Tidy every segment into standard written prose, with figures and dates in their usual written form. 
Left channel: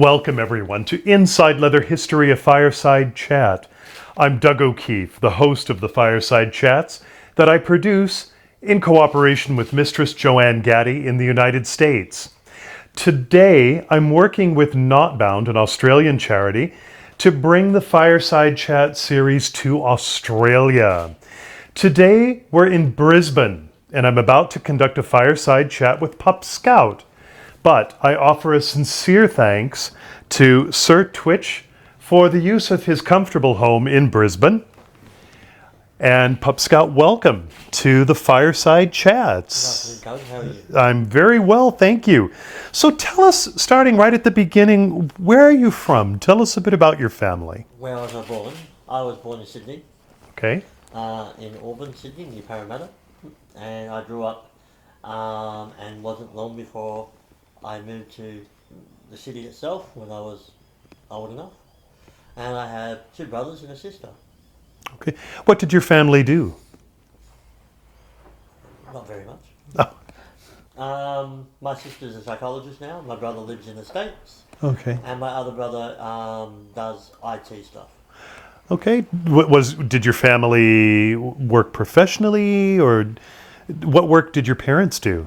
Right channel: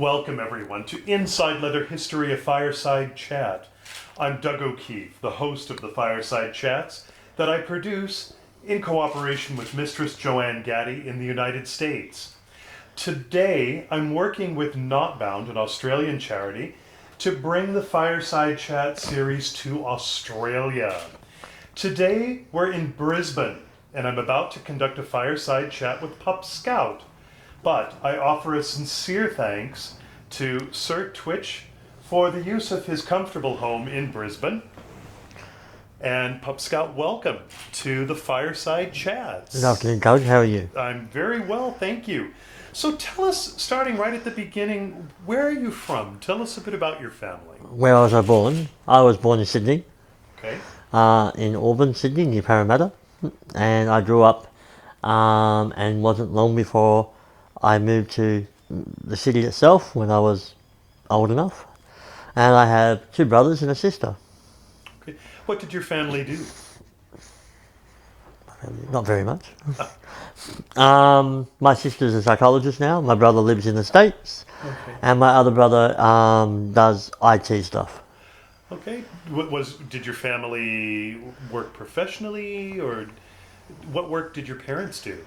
Welcome everyone to Inside Leather History, a Fireside Chat. I'm Doug O'Keefe, the host of the Fireside Chats that I produce in cooperation with Mistress Joanne Gaddy in the United States. Today, I'm working with Knotbound, an Australian charity, to bring the Fireside Chat series to Australia. Today, we're in Brisbane, and I'm about to conduct a Fireside Chat with Pup Skout. But I offer a sincere thanks to Sir Twitch for the use of his comfortable home in Brisbane. And Pup Skout, welcome to the Fireside Chats. Good afternoon, Doug. How are you? I'm very well, thank you. So tell us, starting right at the beginning, where are you from? Tell us a bit about your family. Where was I born? I was born in Sydney, Okay. in Auburn, Sydney, near Parramatta. And I grew up and wasn't long before I moved to the city itself when I was old enough. And I have two brothers and a sister. Okay. What did your family do? Not very much. My sister's a psychologist now. My brother lives in the States. Okay. And my other brother does IT stuff. Okay. Did your family work professionally, or what work did your parents do?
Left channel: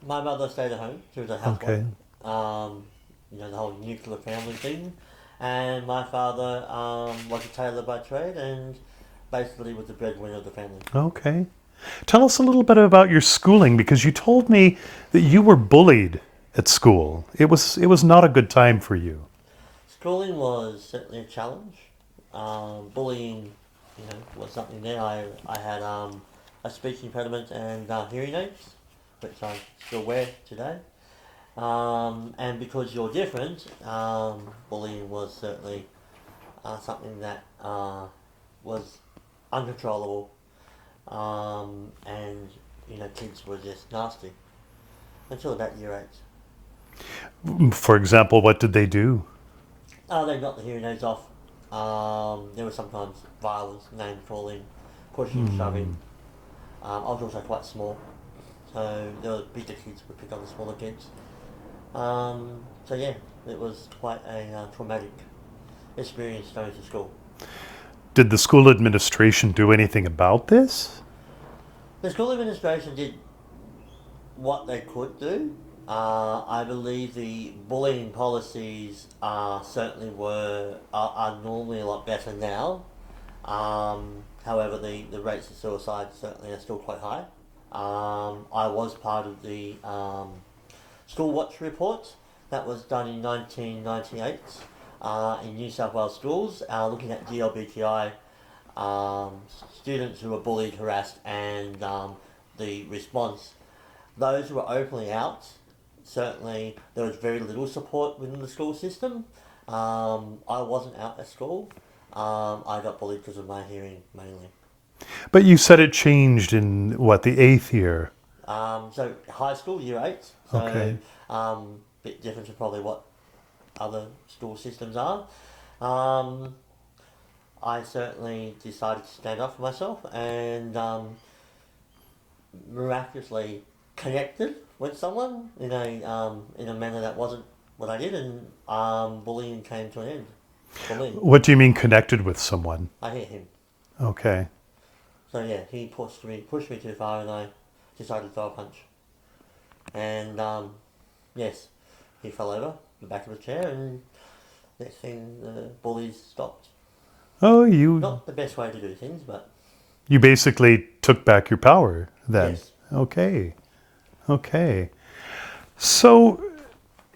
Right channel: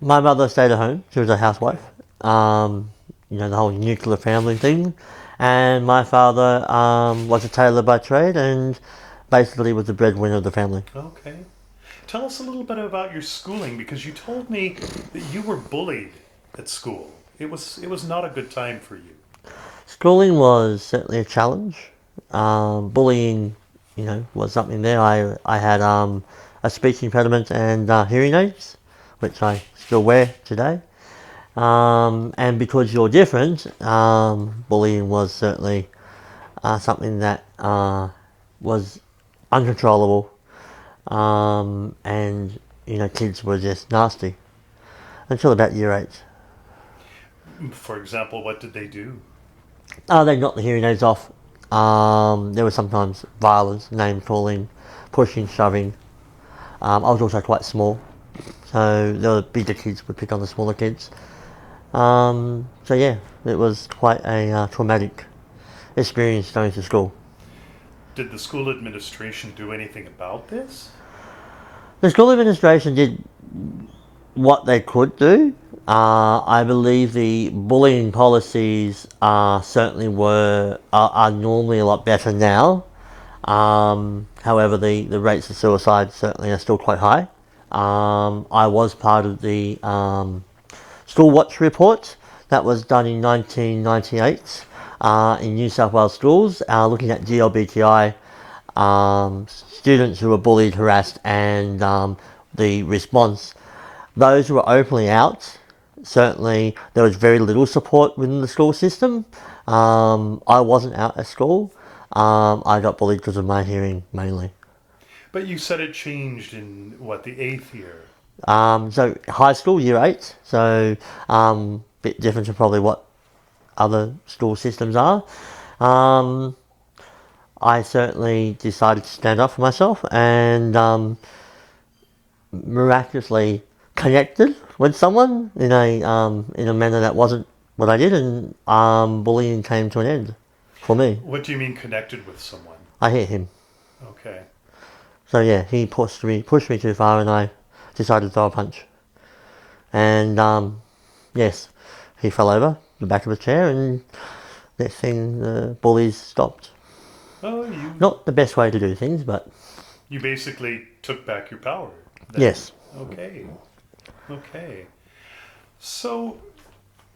My mother stayed at home. She was a housewife. Okay. The whole nuclear family thing. And my father was a tailor by trade and basically was the breadwinner of the family. Okay. Tell us a little bit about your schooling, because you told me that you were bullied at school. It was not a good time for you. Schooling was certainly a challenge. Bullying, was something there. I had a speech impediment and hearing aids, which I still wear today. And because you're different, bullying was certainly something that was uncontrollable. And kids were just nasty until about year 8. For example, what did they do? They knocked the hearing aids off. There was sometimes violence, name calling, pushing, shoving. I was also quite small, so the bigger kids would pick on the smaller kids. It was quite a traumatic experience going to school. Did the school administration do anything about this? The school administration did what they could do. I believe the bullying policies certainly are normally a lot better now. However, the rates of suicide certainly are still quite high. I was part of the School Watch report that was done in 1998 in New South Wales schools, looking at GLBTI students who were bullied, harassed, and the response. Those who were openly out, certainly there was very little support within the school system. I wasn't out at school. I got bullied because of my hearing mainly. But you said it changed in, the 8th year? So high school, year 8. So Okay. Bit different to probably what other school systems are. I certainly decided to stand up for myself and miraculously connected with someone in a manner that wasn't what I did, and bullying came to an end for me. What do you mean connected with someone? I hit him. Okay. So yeah, he pushed me too far, and I decided to throw a punch. And yes, he fell over the back of a chair, and next thing the bullies stopped. Oh, Not the best way to do things, but you basically took back your power then? yes. Okay. So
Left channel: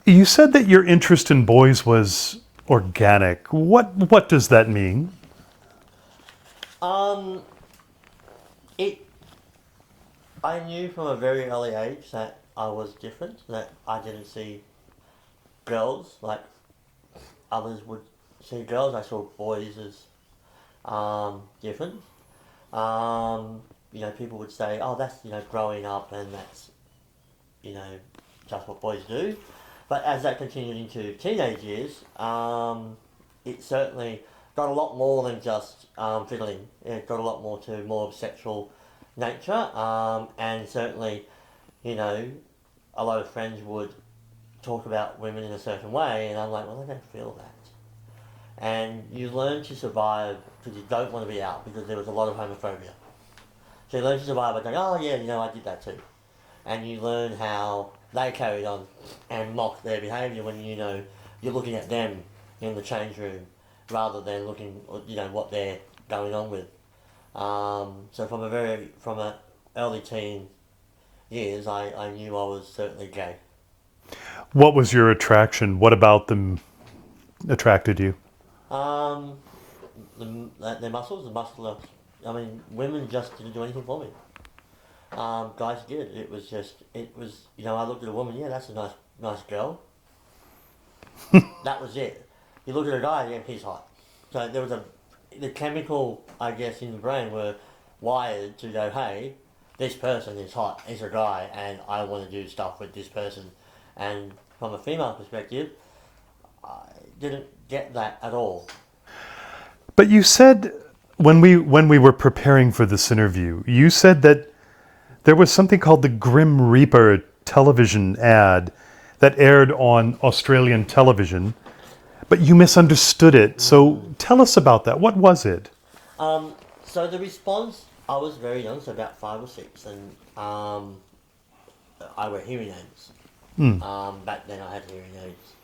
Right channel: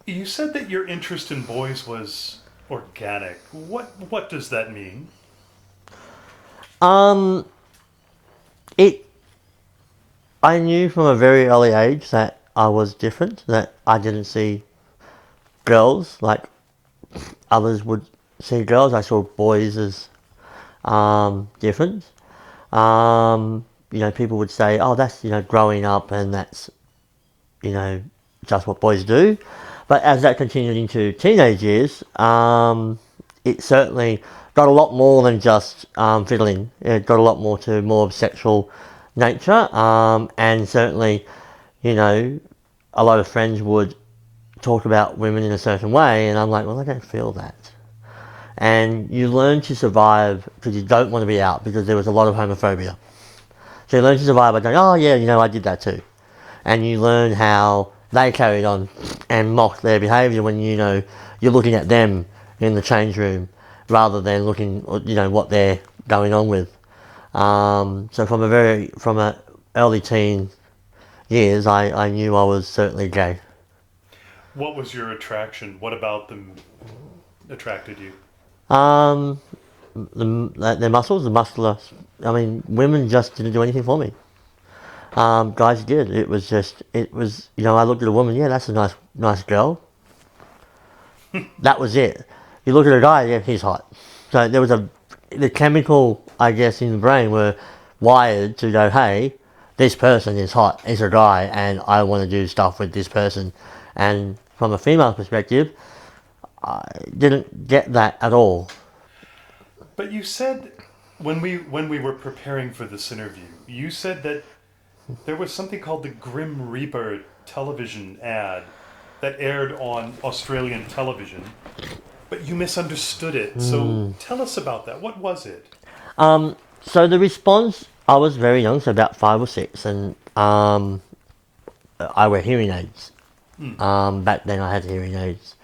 you said that your interest in boys was organic. What does that mean? I knew from a very early age that I was different, that I didn't see girls like others would see girls. I saw boys as different. People would say, oh, that's, growing up, and that's, just what boys do. But as that continued into teenage years, it certainly got a lot more than just fiddling. It got a lot more to more of sexual nature, and certainly, a lot of friends would talk about women in a certain way, and I'm like, well, I don't feel that. And you learn to survive because you don't want to be out, because there was a lot of homophobia. So you learn to survive by going, oh yeah, I did that too. And you learn how they carried on and mocked their behaviour when you're looking at them in the change room rather than looking what they're going on with. So from a early teen years, I knew I was certainly gay. What was your attraction? What about them attracted you? Their muscles, the muscular. I mean, women just didn't do anything for me. Guys did. It was. I looked at a woman. Yeah, that's a nice girl. That was it. You look at a guy. Yeah, he's hot. So there was the chemical, I guess, in the brain were wired to go, hey, this person is hot. It's a guy, and I want to do stuff with this person. And from a female perspective, I didn't get that at all. But you said when we were preparing for this interview, you said that there was something called the Grim Reaper television ad that aired on Australian television, but you misunderstood it. So tell us about that. What was it? So the response, I was very young, so about 5 or 6, and I wear hearing aids. Back then I had hearing aids.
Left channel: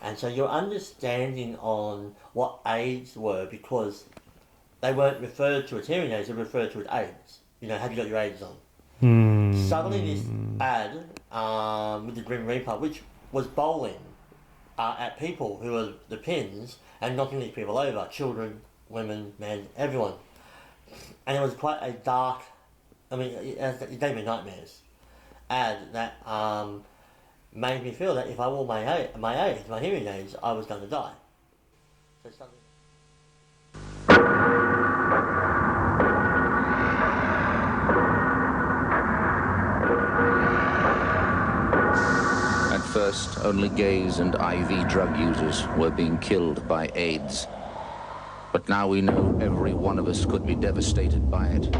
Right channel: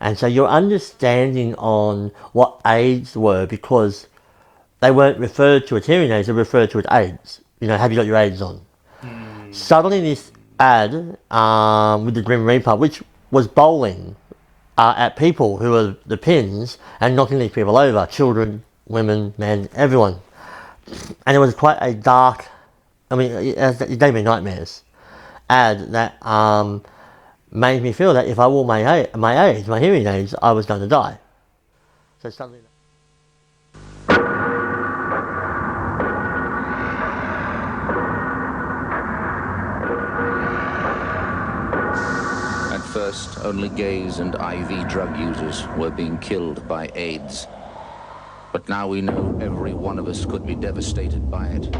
And so your understanding on what aids were, because they weren't referred to as hearing aids, they were referred to as aids. Have you got your aids on? Suddenly this ad with the Grim Reaper, which was bowling at people who were the pins and knocking these people over, children, women, men, everyone. And it was quite a dark, it gave me nightmares, ad that made me feel that if I wore my hearing aids, I was going to die. So suddenly... At first, only gays and IV drug users were being killed by AIDS. But now we know every one of us could be devastated by it.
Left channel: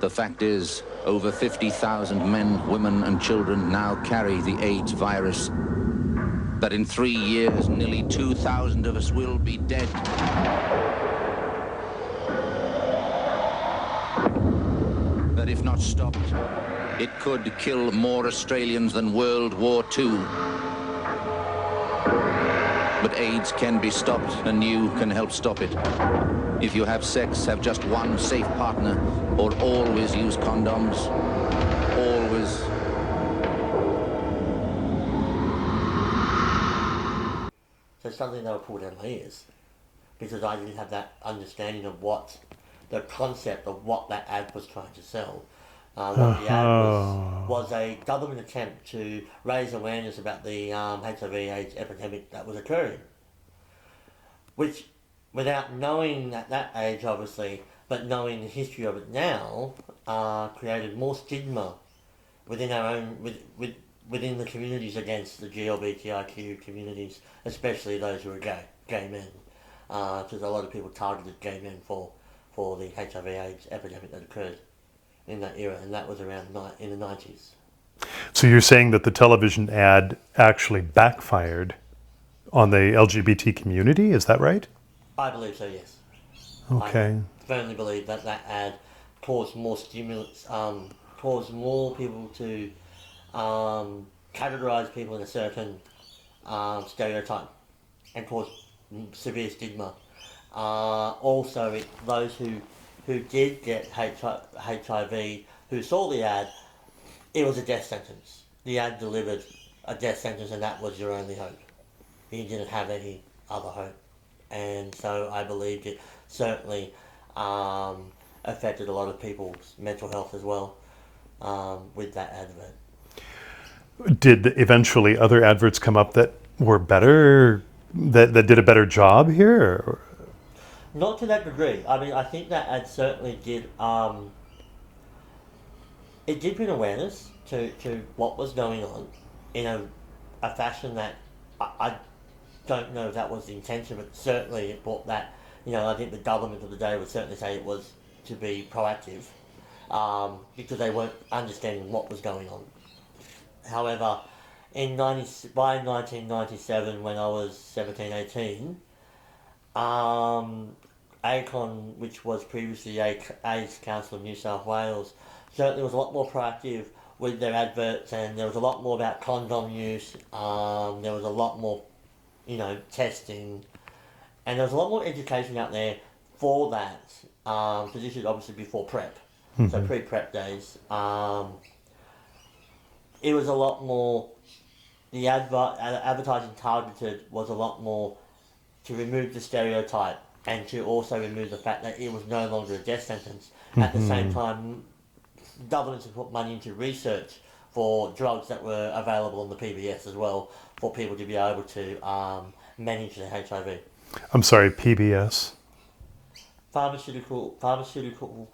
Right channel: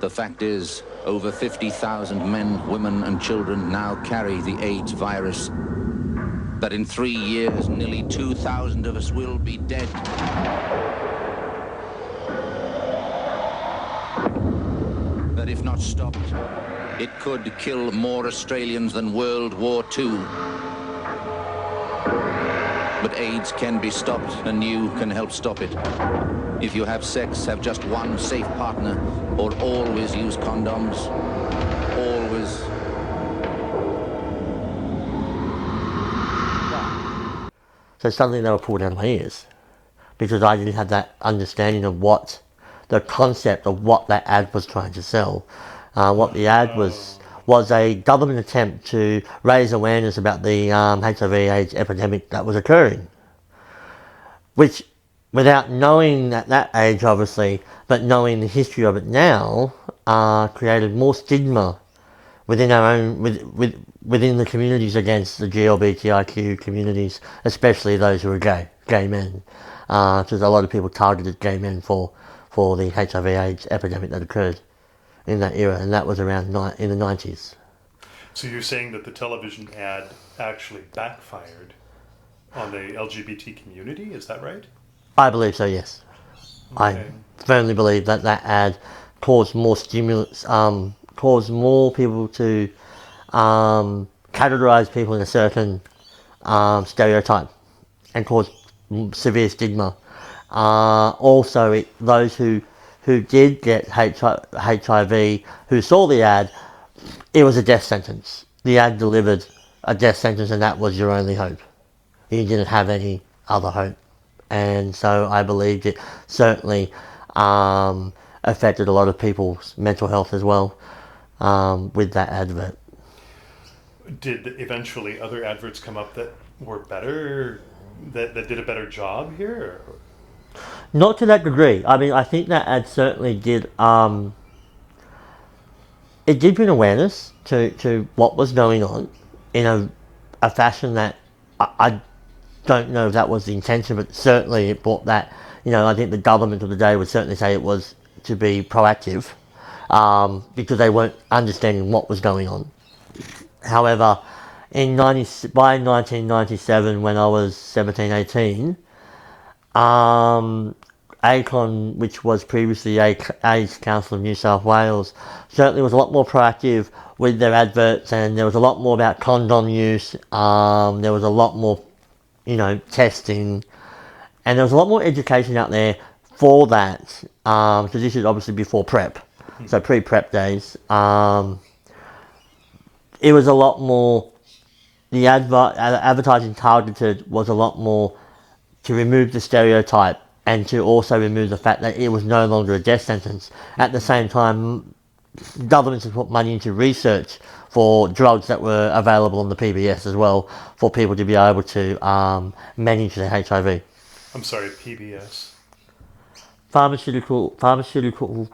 The fact is, over 50,000 men, women and children now carry the AIDS virus. That in 3 years, nearly 2,000 of us will be dead. That if not stopped, it could kill more Australians than World War II. But AIDS can be stopped, and you can help stop it. If you have sex, have just one safe partner, or always use condoms. Always. So suddenly they were pulled out of my ears, because I didn't have that understanding of what the concept of what that ad was trying to sell. What the ad was a government attempt to raise awareness about the HIV/AIDS epidemic that was occurring, which, without knowing at that age, obviously, but knowing the history of it now, created more stigma within our own within the communities against the GLBTIQ communities, especially those who are gay men, because a lot of people targeted gay men for the HIV/AIDS epidemic that occurred in that era, and that was around in the 90s. So you're saying that the television ad actually backfired on the LGBT community, is that right? I believe so, yes. Okay. I firmly believe that ad caused more stimulus, caused more people to categorize people in a certain stereotype and caused severe stigma. Also, those who did get HIV, who saw the ad, it was a death sentence. The ad delivered a death sentence, and that was your only hope. You didn't have any other hope. And so I believed it certainly affected a lot of people's mental health as well with that advert. Did eventually other adverts come up that were better, that did a better job here? Or? Not to that degree. I think that ad certainly did. It did bring awareness to what was going on in a fashion that I don't know if that was the intention, but certainly it brought that. I think the government of the day would certainly say it was to be proactive, because they weren't understanding what was going on. However, by 1997, when I was 17, 18, ACON, which was previously AIDS Council of New South Wales, certainly was a lot more proactive with their adverts, and there was a lot more about condom use. There was a lot more, testing, and there was a lot more education out there for that. Because this is obviously before PrEP, so pre-PrEP days. It was a lot more. The advertising targeted was a lot more to remove the stereotype and to also remove the fact that it was no longer a death sentence. At the same time, governments have put money into research for drugs that were available on the PBS as well, for people to be able to manage their HIV. I'm sorry, PBS? Pharmaceutical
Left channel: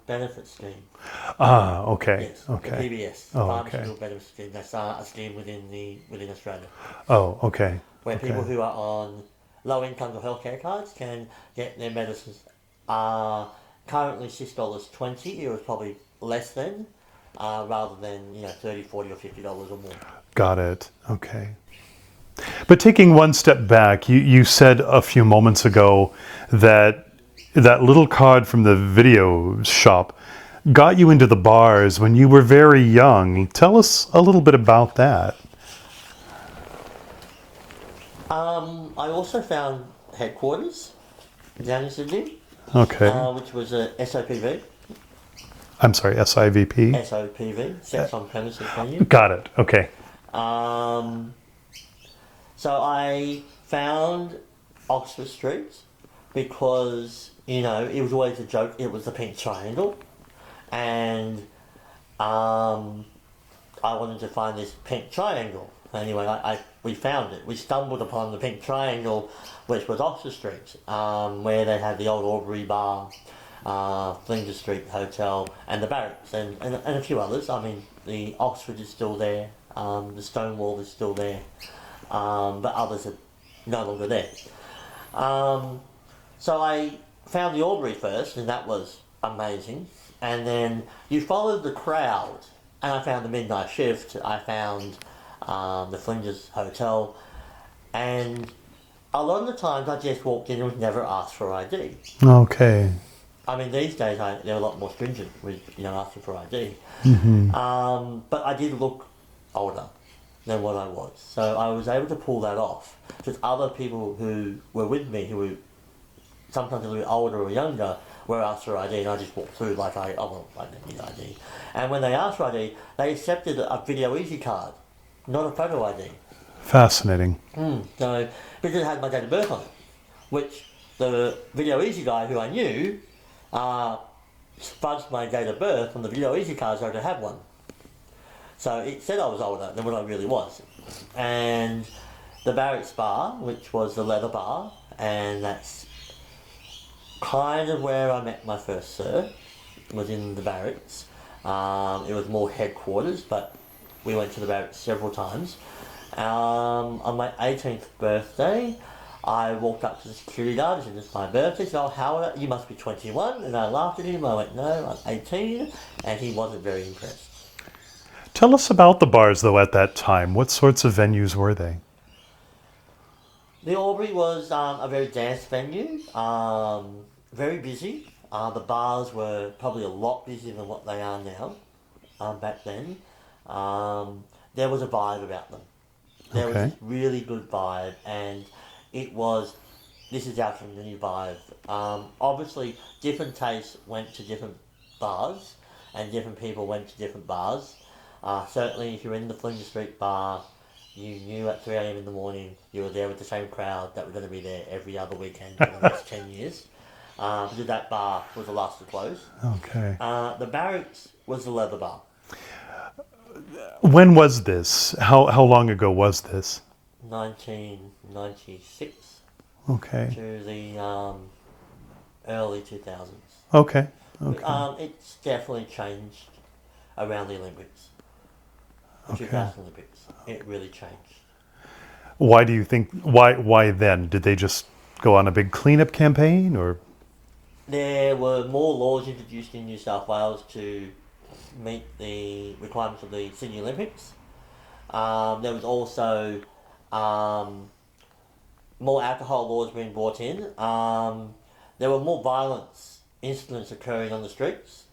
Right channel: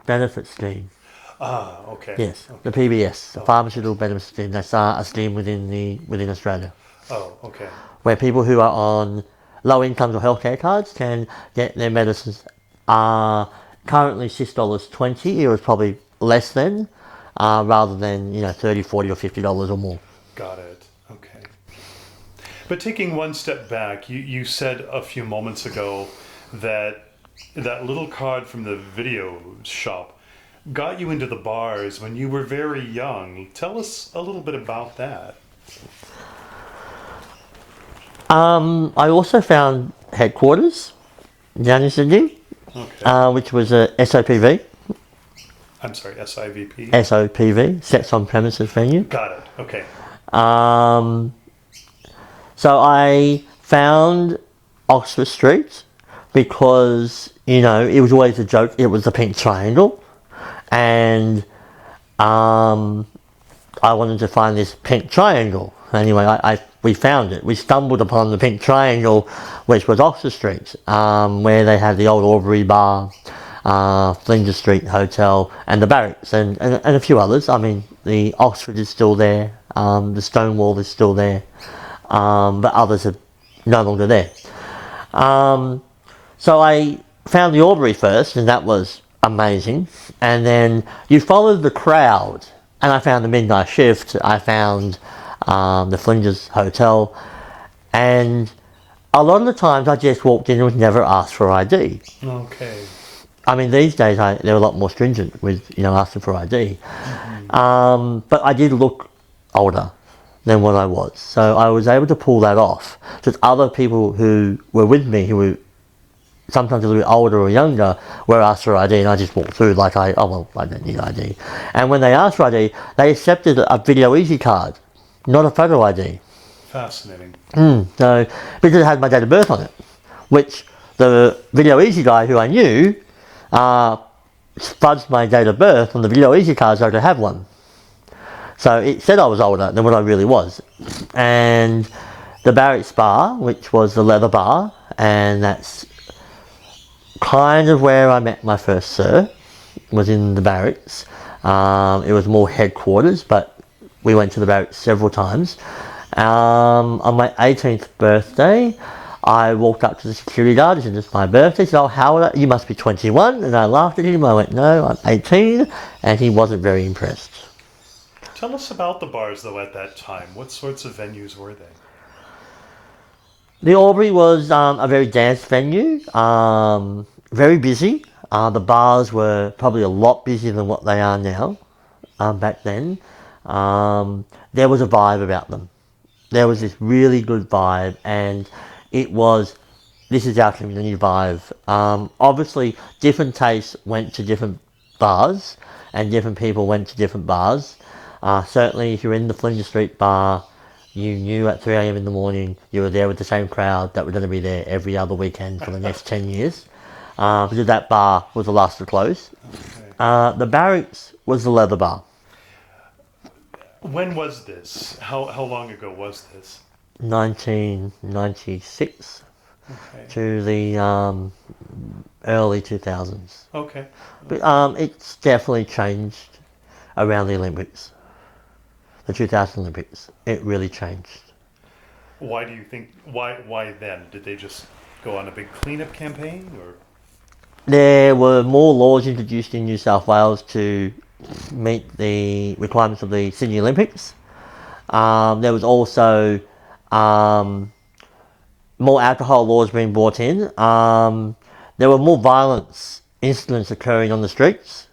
Benefit Scheme. Ah, okay. Yes, okay. the PBS, Oh, Pharmaceutical Benefit Scheme. That's a scheme within Australia, Oh, okay. where people who are on low incomes or healthcare cards can get their medicines. Currently $6.20. It was probably less than, rather than $30, $40, or $50 or more. Got it. Okay. But taking one step back, you said a few moments ago that little card from the video shop got you into the bars when you were very young. Tell us a little bit about that. I also found headquarters down in Sydney, Okay. which was a SOPV. I'm sorry, SIVP? SOPV, Sex on Premises Venue. Got it. Okay. So I found Oxford Street because, it was always a joke. It was the pink triangle. And I wanted to find this pink triangle. Anyway, we found it. We stumbled upon the pink triangle, which was Oxford Street, where they had the old Aubrey Bar, Flinders Street Hotel, and the Barracks, and a few others. I mean, the Oxford is still there, the Stonewall is still there, but others are no longer there. So I found the Aubrey first, and that was amazing. And then you followed the crowd, and I found the Midnight Shift, I found the Flinders Hotel, and a lot of the times I just walked in and was never asked for ID. Okay. I mean, these days they're a lot more stringent with asking for ID. But I did look older than what I was, so I was able to pull that off. Because other people who were with me, who were sometimes a little bit older or younger, were asked for ID, and I just walked through like I don't need ID. And when they asked for ID, they accepted a Video Easy card, not a photo ID. Fascinating. So, because it had my date of birth on it, which the Video Easy guy who I knew fudged my date of birth on the Video Easy card so I could have one. So it said I was older than what I really was. And the Barracks Bar, which was the leather bar, and that's kind of where I met my first sir, was in the Barracks. It was more headquarters, but we went to the Barracks several times. On my 18th birthday, I walked up to the security guard and said, "It's my birthday." He said, "Oh, how old are you? You must be 21. And I laughed at him. I went, "No, I'm 18. And he wasn't very impressed. Tell us about the bars, though, at that time. What sorts of venues were they? The Aubrey was a very dance venue, very busy. The bars were probably a lot busier than what they are now. Back then, there was a vibe about them. There was this really good vibe, and this is our community vibe. Obviously, different tastes went to different bars, and different people went to different bars. Certainly, if you're in the Flinders Street bar, you knew at 3 a.m. in the morning you were there with the same crowd that were going to be there every other weekend for the next 10 years. Because that bar was the last to close. Okay. The Barracks was the leather bar. When was this? How long ago was this? 1996 Okay. to the early 2000s. Okay. But it's definitely changed around the Olympics. The 2000 Olympics. It really changed. Why do you think? Why then? Did they just go on a big cleanup campaign, or? There were more laws introduced in New South Wales to meet the requirements of the Sydney Olympics. There was also more alcohol laws being brought in. There were more violence incidents occurring on the streets.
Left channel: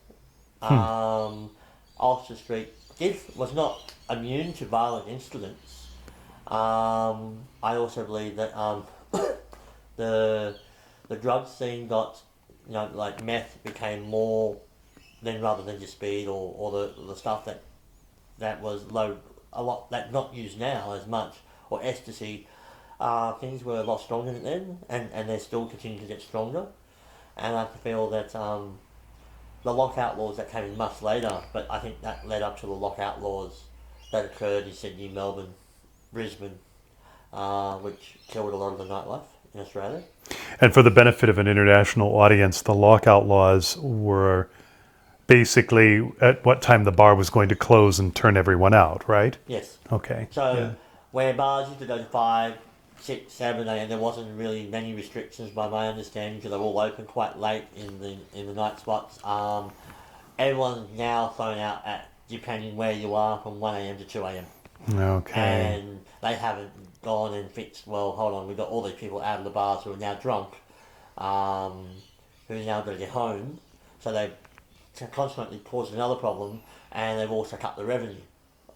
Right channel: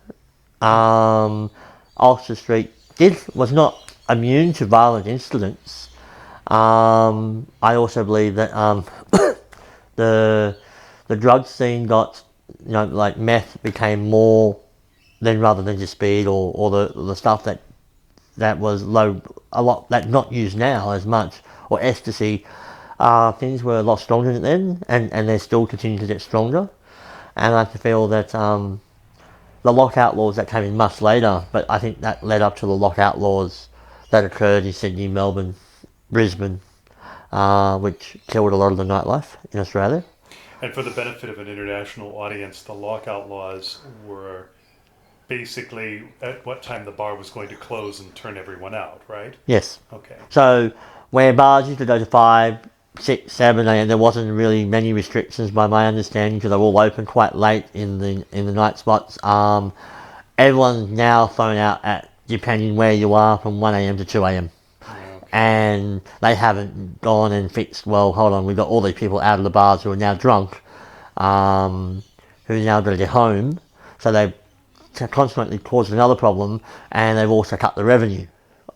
Oxford Street was not immune to violent incidents. I also believe that the drug scene got, like meth became more than rather than just speed or the stuff that was low, a lot that not used now as much, or ecstasy. Things were a lot stronger then, and they still continue to get stronger. And I feel that the lockout laws that came in much later, but I think that led up to the lockout laws that occurred in Sydney, Melbourne, Brisbane, which killed a lot of the nightlife in Australia. And for the benefit of an international audience, the lockout laws were basically at what time the bar was going to close and turn everyone out, right? Yes. Okay. So where bars used to go to 5, 6, 7 a.m., there wasn't really many restrictions by my understanding because they were all open quite late in the night spots. Everyone's now thrown out at, depending where you are, from 1 a.m. to 2 a.m. Okay. And they haven't gone and fixed, well, hold on, we've got all these people out of the bars who are now drunk, who now got to get home. So they've consequently caused another problem, and they've also cut the revenue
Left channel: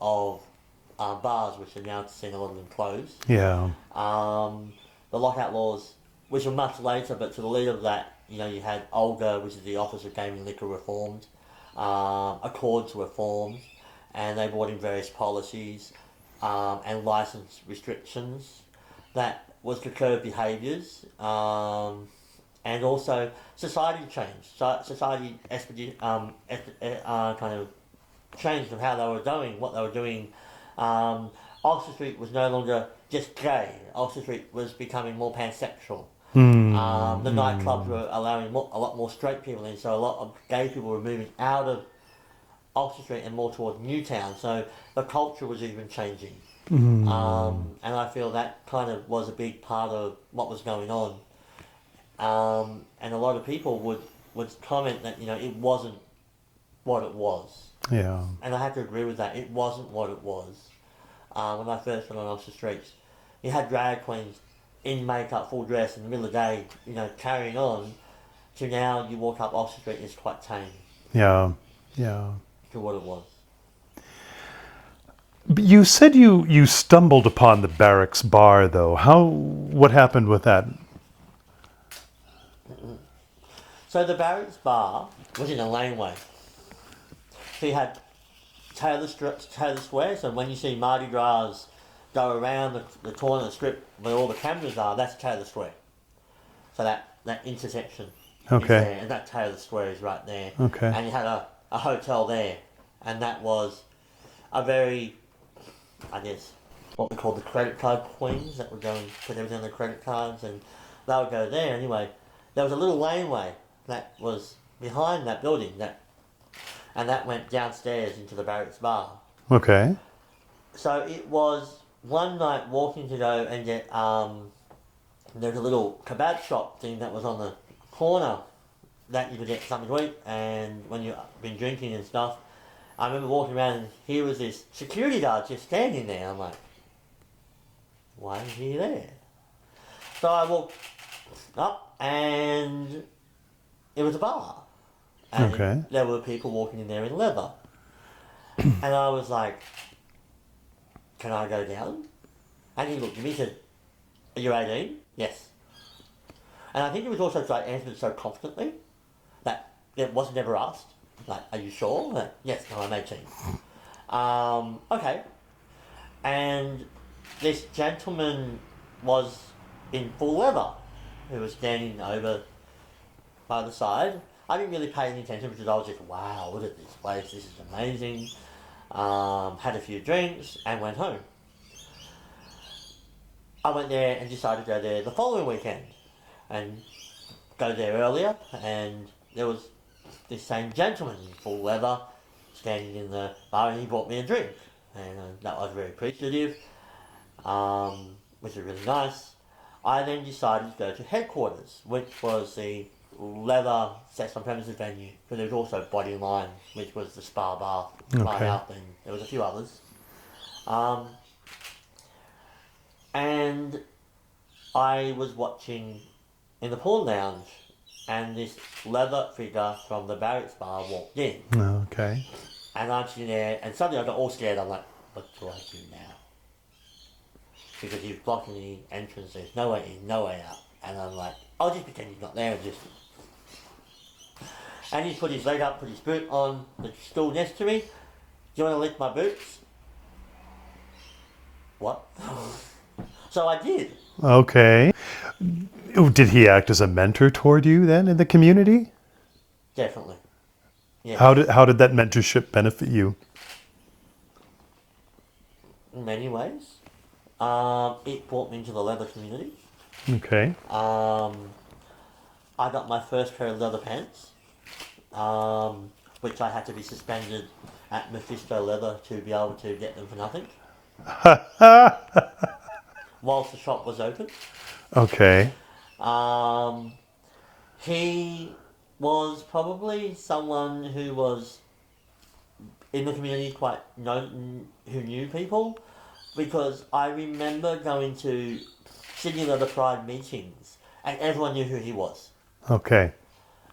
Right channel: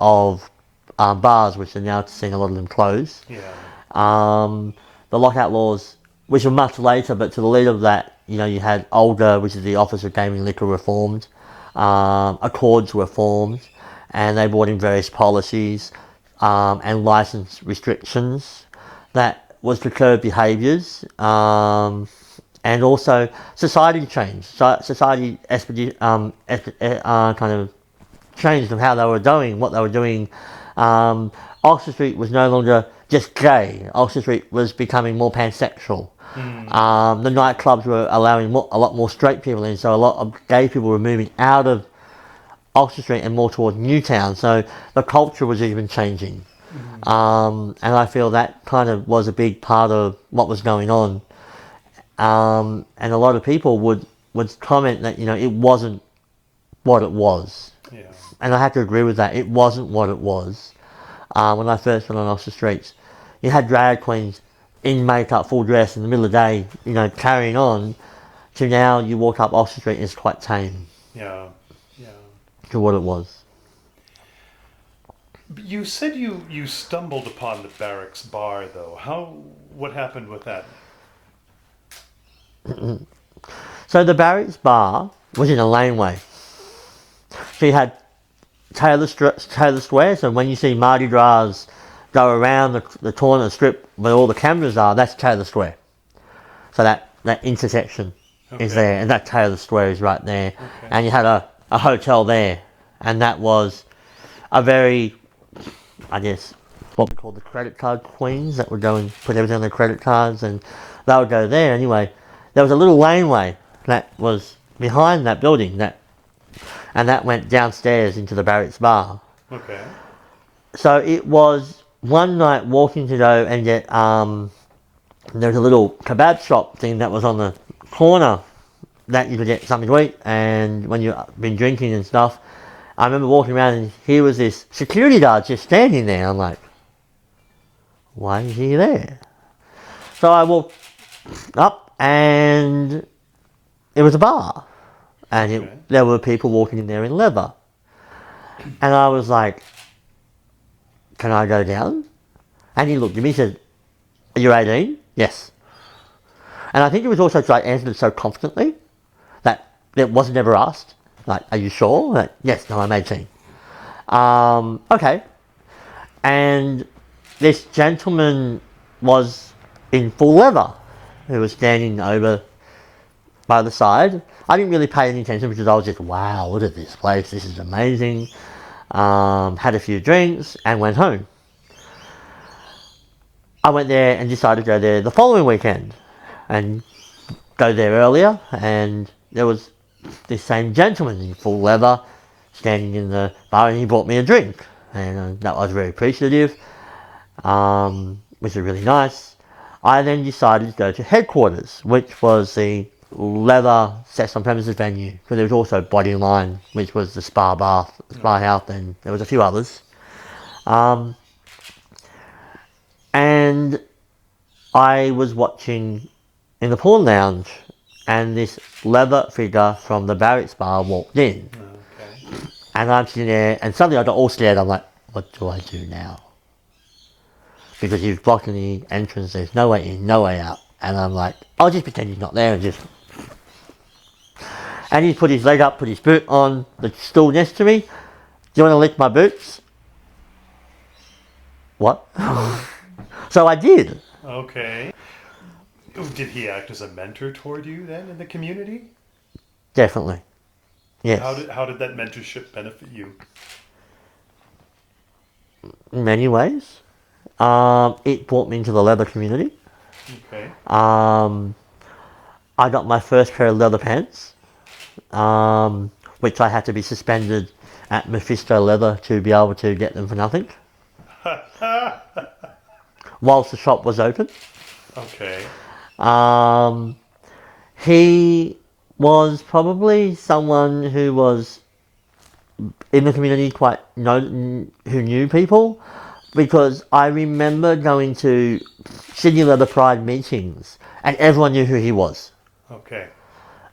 of bars, which are now seeing a lot of them close. Yeah. The lockout laws, which were much later, but to the lead of that, you had Olga, which is the Office of Gaming and Liquor, reformed. Accords were formed, and they brought in various policies and license restrictions that was to curb behaviours, and also society changed. Society kind of changed of how they were doing, what they were doing. Oxford Street was no longer just gay. Oxford Street was becoming more pansexual. The nightclubs were allowing a lot more straight people in, so a lot of gay people were moving out of Oxford Street and more towards Newtown. So the culture was even changing. And I feel that kind of was a big part of what was going on. And a lot of people would comment that, it wasn't what it was. Yeah. And I have to agree with that. It wasn't what it was. When I first went on Oxford Streets, you had drag queens in makeup, full dress, in the middle of the day, carrying on, to now you walk up Oxford Street and it's quite tame. Yeah. Yeah. To what it was. But you said you stumbled upon the Barracks bar, though. What happened with that? So the Barracks bar was in a laneway. So you had Taylor Square, so when you see Mardi Gras go around the corner strip where all the cameras are, that's Taylor Square. So that intersection is there, and that Taylor Square is right there. Okay. And you had a hotel there, and that was a very, I guess, what we call the credit card queens that would go and put everything on their credit cards, and they would go there. Anyway, there was a little laneway that was behind that building, and that went downstairs into the Barracks bar. Okay. So it was one night walking to go and get, there was a little kebab shop thing that was on the corner that you could get something to eat, and when you've been drinking and stuff, I remember walking around and here was this security guard just standing there. I'm like, why is he there? So I walked up and it was a bar, and there were people walking in there in leather, and I was like, can I go down? And he looked at me and said, are you 18? Yes. And I think it was also because I answered it so confidently that it wasn't ever asked. Like, are you sure? Like, yes, no, I'm 18. Okay. And this gentleman was in full leather, who was standing over by the side. I didn't really pay any attention because I was just, wow, look at this place, this is amazing. Had a few drinks and went home. I went there and decided to go there the following weekend and go there earlier, and there was this same gentleman in full leather standing in the bar, and he bought me a drink, and that was very appreciative, which was really nice. I then decided to go to headquarters, which was the leather sex on premises venue, because there was also Bodyline, which was the spa house, and there was a few others. And I was watching in the porn lounge, and this leather figure from the Barracks bar walked in. Okay. And I'm sitting there, and suddenly I got all scared. I'm like, what do I do now? Because he's blocking the entrance, there's no way in, no way out. And I'm like, I'll just pretend he's not there and just... And he's put his leg up, put his boot on the stool next to me. Do you want to lick my boots? What? So I did. Okay. Did he act as a mentor toward you then in the community? Definitely. Yes. How did that mentorship benefit you? In many ways. It brought me into the leather community. Okay. I got my first pair of leather pants, which I had to be suspended at Mephisto Leather to be able to get them for nothing. Whilst the shop was open. Okay. He was probably someone who was in the community who knew people, because I remember going to Sydney Leather Pride meetings and everyone knew who he was. Okay.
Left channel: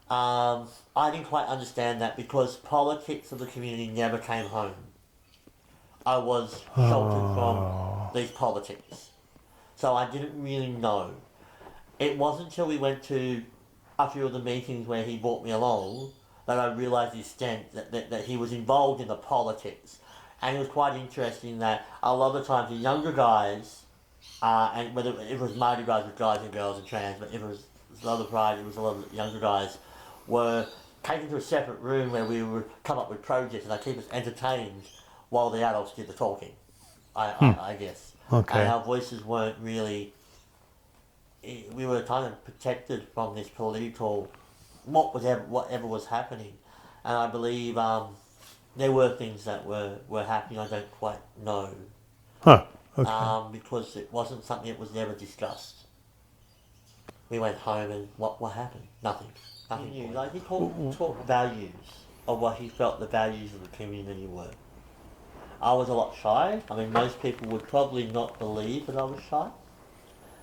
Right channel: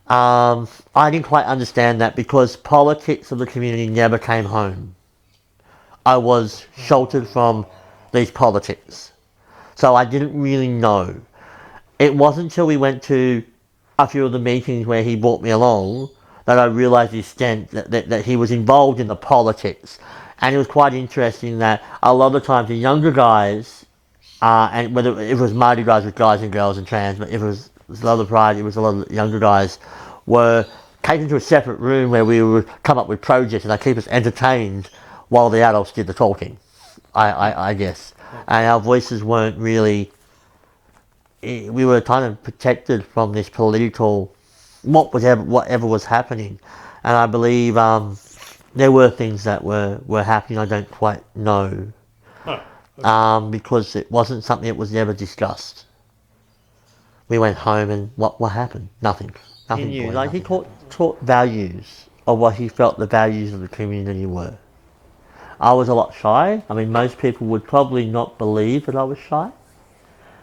I didn't quite understand that because politics of the community never came home. I was sheltered from these politics. So I didn't really know. It wasn't until we went to a few of the meetings where he brought me along that I realised the extent that he was involved in the politics. And it was quite interesting that a lot of the times the younger guys, and whether it was Mardi Gras with guys and girls and trans, but if it was Leather Pride, it was a lot of the younger guys, were taken to a separate room where we would come up with projects and they keep us entertained while the adults did the talking, I guess. Okay. And our voices weren't really... We were kind of protected from this political... whatever was happening. And I believe there were things that were happening I don't quite know. Huh. Okay. Because it wasn't something that was never discussed. We went home and what happened? Nothing. Nothing. He knew. Like he taught values of what he felt the values of the community were. I was a lot shy. I mean, most people would probably not believe that I was shy.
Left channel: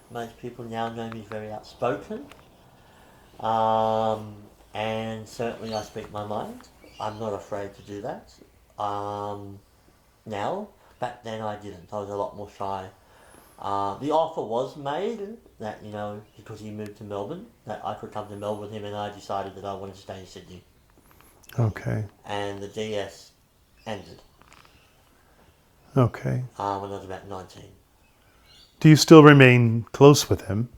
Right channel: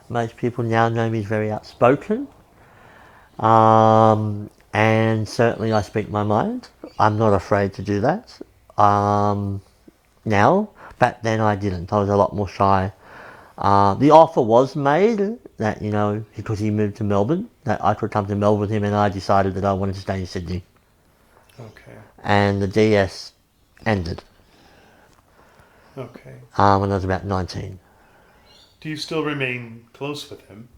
Most people now know me as very outspoken. And certainly I speak my mind. I'm not afraid to do that. Now, back then I didn't. I was a lot more shy. The offer was made that, because he moved to Melbourne, that I could come to Melbourne with him, and I decided that I wanted to stay in Sydney. Okay. And the DS ended. Okay. When I was about 19. Do you still remain close with him?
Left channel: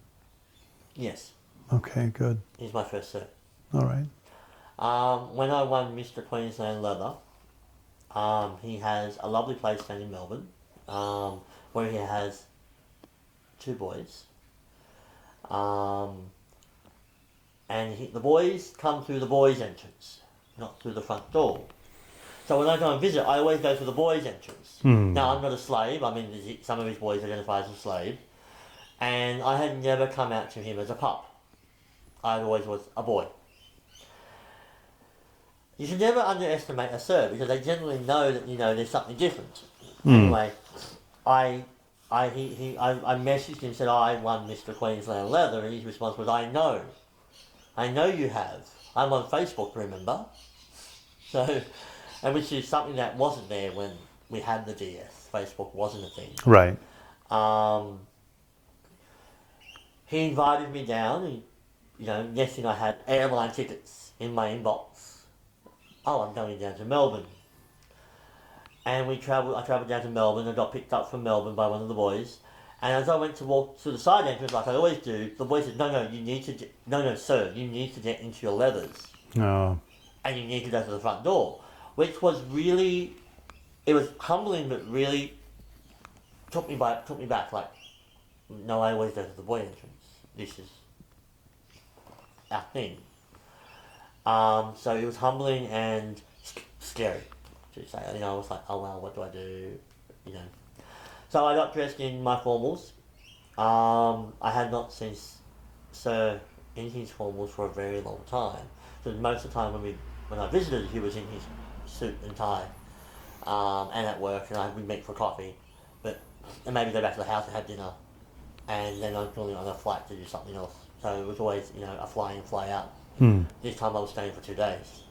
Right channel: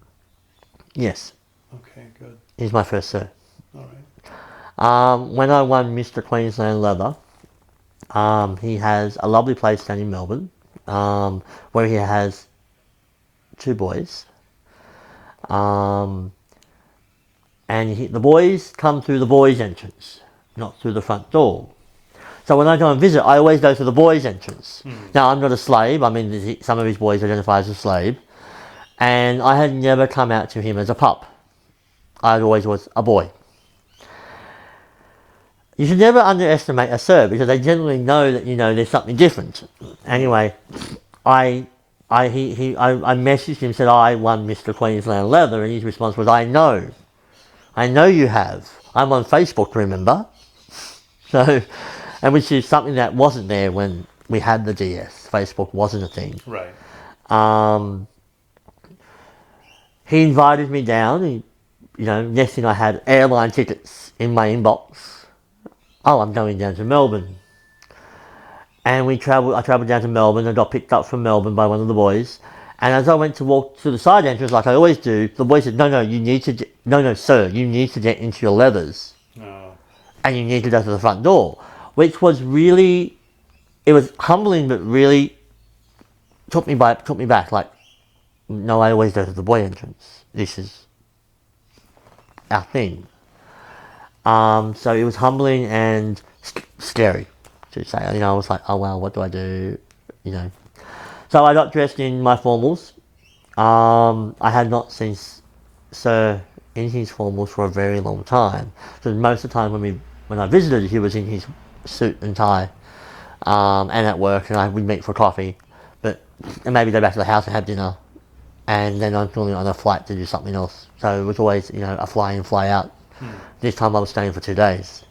Yes. Okay, good. He's my first sir. All right. When I won Mr. Queensland Leather, he has a lovely place down in Melbourne, where he has 2 boys. And the boys come through the boys' entrance, not through the front door. So when I go and visit, I always go to the boys' entrance. Now, I'm not a slave. I mean, some of his boys identify as a slave. And I had never come out to him as a pup. I always was a boy. You should never underestimate a sir, because they generally know that, there's something different. Anyway, I messaged him and said, I won Mr. Queensland Leather, and his response was, I know you have. I'm on Facebook, remember? So... And which is something that wasn't there when we had the DS. Facebook wasn't a thing. Right. He invited me down. Next thing I had airline tickets in my inbox. Oh, I'm going down to Melbourne. And I travelled down to Melbourne. I got picked up from Melbourne by one of the boys. And as I went to walk to the side entrance, like I always do, the boy said, no, sir, you need to get into your leathers. Oh. And you need to go to the front door. Which was really, it was humbling, but really took me back. Like, no, I always go to the boy entrance. This is our thing. So it was humbling and scary to say. I was like, oh well, what do I do? So I got dressed in my formals. I had not seen Sir in his formals for a very long time. So most of the time when I visited, he was in his suit and tie. and at work, and we'd meet for coffee, and maybe go back to the house and have dinner, and then I'm normally on a flight to do something else. So it was always, a fly in, fly out. This time I was staying for 2 days.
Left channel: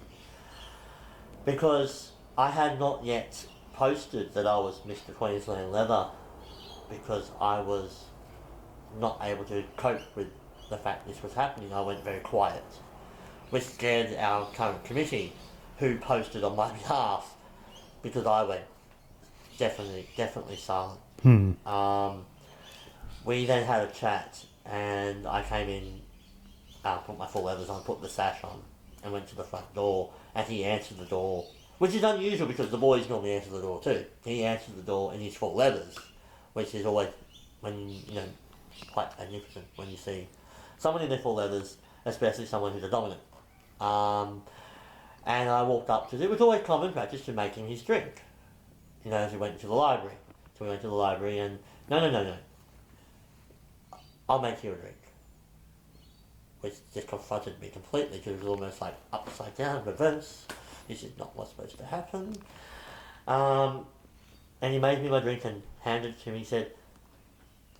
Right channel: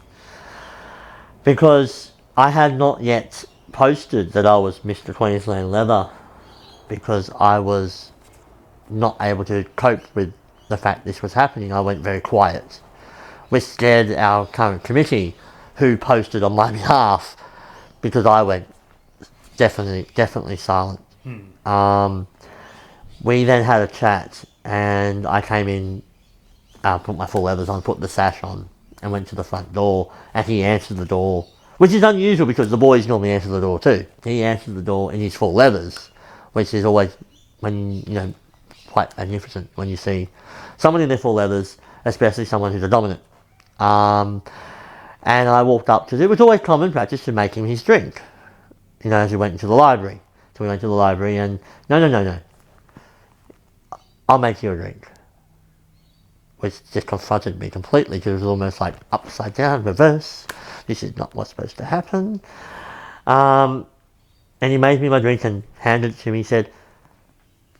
Because I had not yet posted that I was Mr. Queensland Leather, because I was not able to cope with the fact this was happening. I went very quiet, which scared our current committee, who posted on my behalf, because I went definitely silent. We then had a chat, and I came in, put my full leathers on, put the sash on, and went to the front door, and he answered the door, which is unusual because the boys normally answer the door too. He answered the door in his full leathers, which is always, quite magnificent when you see someone in their full leathers, especially someone who's a dominant. And I walked up to, it was always common practice to make him his drink, as we went into the library. So we went to the library and, no. I'll make you a drink. Which just confronted me completely, because it was almost like upside down, reverse. This is not what's supposed to happen. And he made me my drink and handed it to me. He said,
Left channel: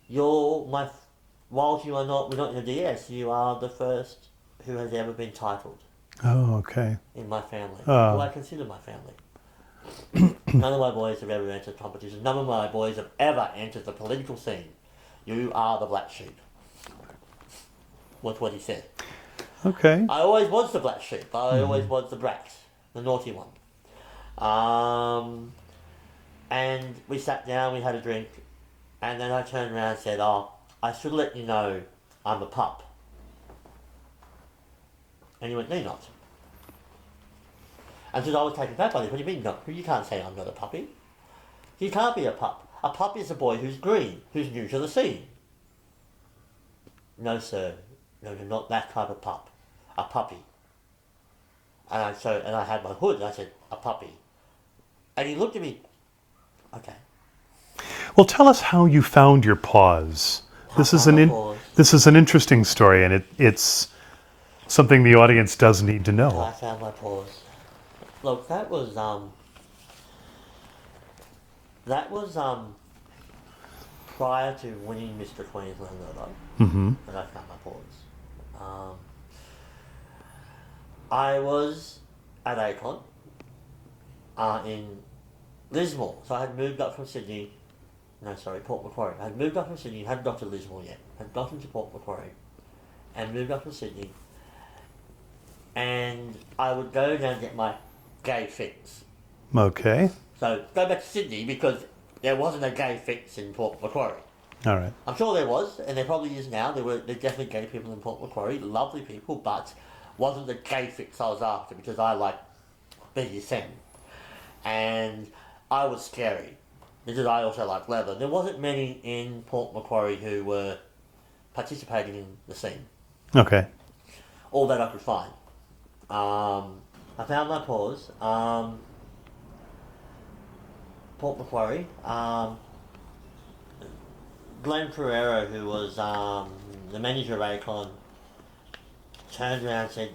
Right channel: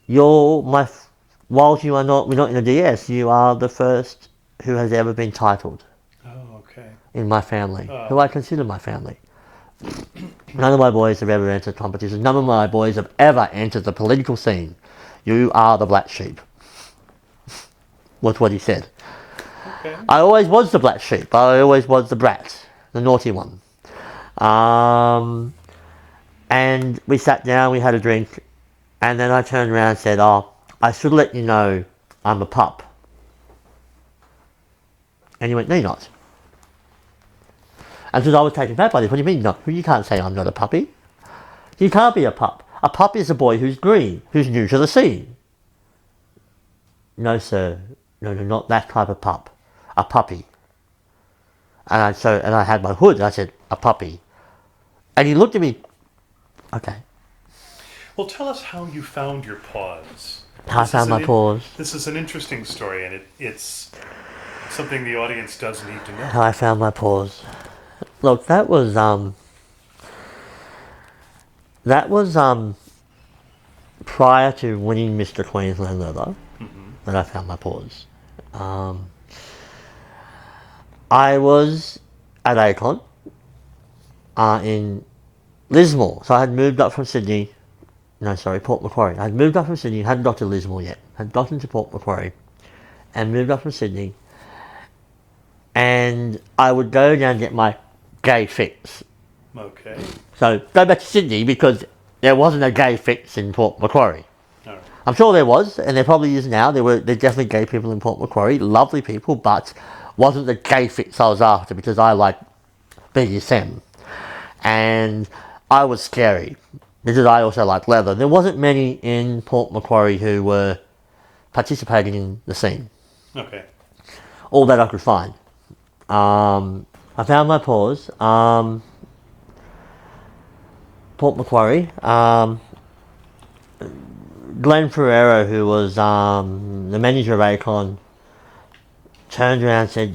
whilst we're not in the DS, you are the first who has ever been titled. Oh, okay. In my family, who I consider my family. None of my boys have ever entered competitions. None of my boys have ever entered the political scene. You are the black sheep. Was what he said. Okay. I always was the black sheep. I always was the brat, the naughty one. And we sat down, we had a drink, and then I turned around and said, I should let you know I'm a pup. And he went, no, you're not. And so I was taken back by this. What do you mean, no? You can't say I'm not a puppy. You can't be a pup. A pup is a boy who's green, who's new to the scene. No, sir. No, not that type of pup. A puppy. And I had my hood, and I said, a puppy. And he looked at me, okay. Well, tell us how you found your paws. This is an interesting story, and it's something the audience does need to know. How I found my paws. Look, that was prior to winning Mr. Queensland Leather, that I found my paws. I was at Acon in Lismore. So I had moved up from Sydney. No, sorry, Port Macquarie. I had moved up from Sydney, hadn't got to Lismore yet. Had got into Port Macquarie and moved up from Sydney. And I would go down and get my gay fix. Okay. So go back to Sydney because there wasn't a gay fix in Port Macquarie. All right. I'm sure there was, and there probably is now. There's definitely gay people in Port Macquarie, lovely people, but wasn't the gay fix I was after because I like BDSM. And I was scary because I also like leather. There wasn't many in Port Macquarie who were participating in the scene. Okay. All that I could find. I found my paws. Port Macquarie. Glenn Ferrero, who was the manager of Acon, turned around and said,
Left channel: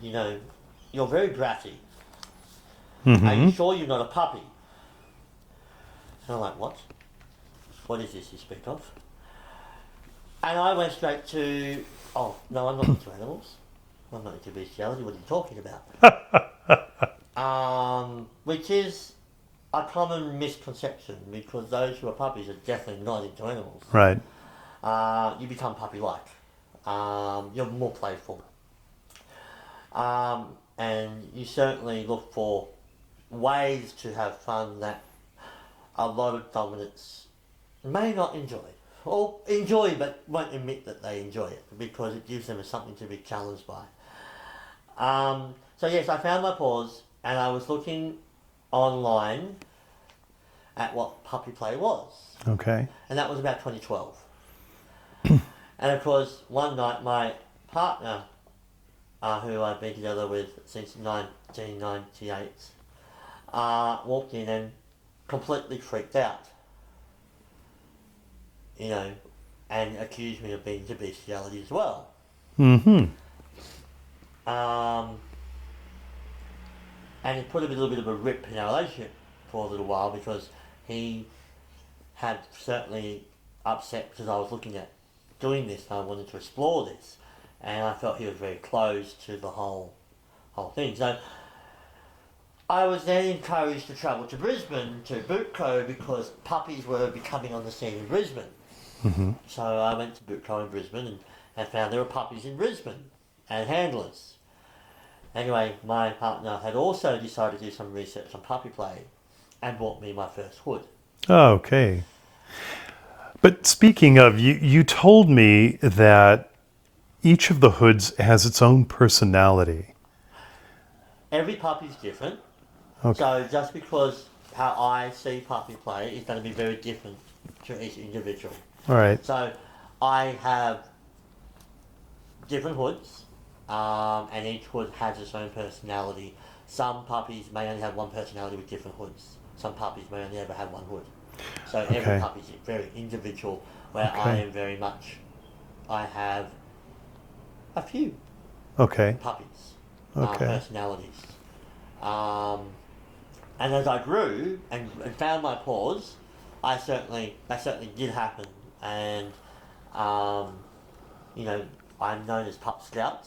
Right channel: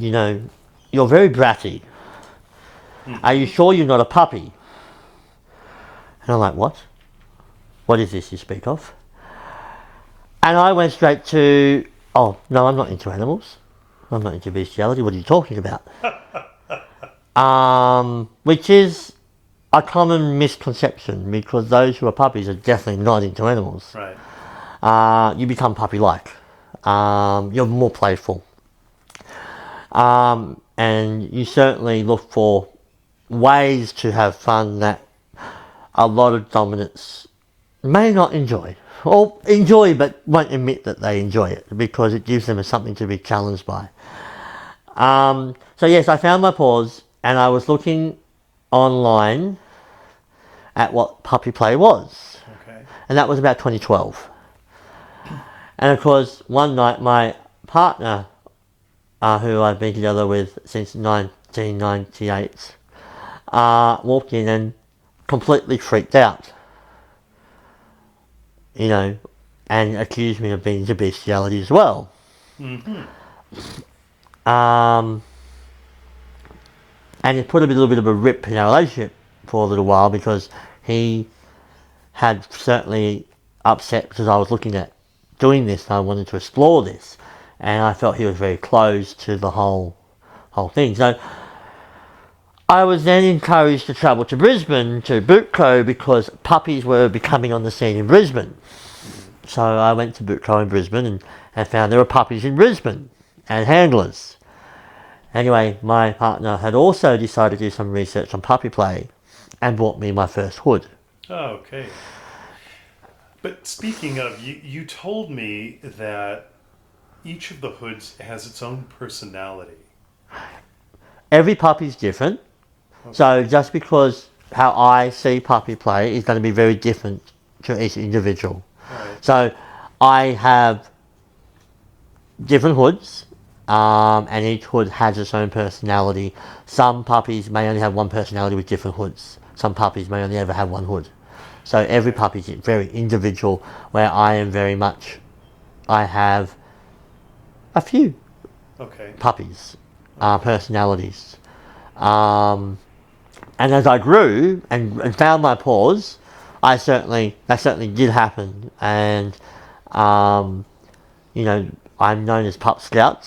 you're very bratty. Are you sure you're not a puppy? And I'm like, what? What is this you speak of? And I went straight to, oh, no, I'm not into animals. I'm not into bestiality. What are you talking about? Which is a common misconception because those who are puppies are definitely not into animals. Right. You become puppy-like. You're more playful. And you certainly look for ways to have fun that a lot of dominants may not enjoy. Or enjoy but won't admit that they enjoy it because it gives them something to be challenged by. So yes, I found my paws and I was looking online at what puppy play was. Okay. And that was about 2012. And of course, one night my partner, who I've been together with since 1998, walked in and completely freaked out. And accused me of being into bestiality as well. And it put a little bit of a rip in our relationship for a little while because he had certainly upset because I was looking at doing this and I wanted to explore this, and I felt he was very closed to the whole thing. So I was then encouraged to travel to Brisbane to Bootco because puppies were becoming on the scene in Brisbane. Mm-hmm. So I went to Bootco in Brisbane and found there were puppies in Brisbane and handlers. Anyway, my partner had also decided to do some research on puppy play and bought me my first hood. Oh, okay. But speaking of, you told me that each of the hoods has its own personality. Every puppy's different. Okay. So just because how I see puppy play is going to be very different to each individual. All right. So I have different hoods, and each hood has its own personality. Some puppies may only have one personality with different hoods. Some puppies may only ever have one hood. So every Okay. puppy is very individual, where I am very much, I have a few Okay. puppies, Okay. personalities. And as I grew and found my paws, that certainly did happen. And, you know, I'm known as Pup Skout.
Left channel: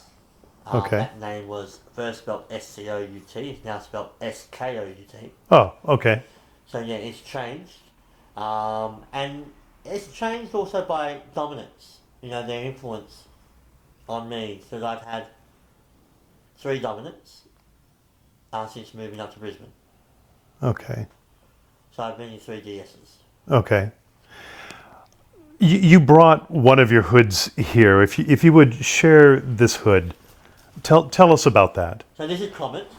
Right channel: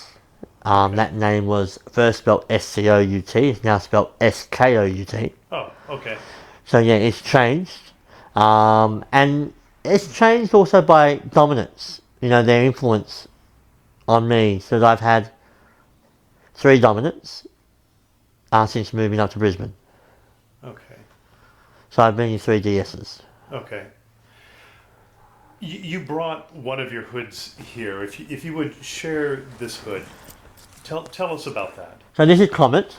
Okay. That name was first spelled S-C-O-U-T, it's now spelled S-K-O-U-T. Oh, okay. So yeah, it's changed. And it's changed also by dominance, you know, their influence on me. So I've had 3 dominants since moving up to Brisbane. Okay. So I've been in 3 DSs. Okay. You brought one of your hoods here. If you would share this hood, tell us about that. So this is Comet.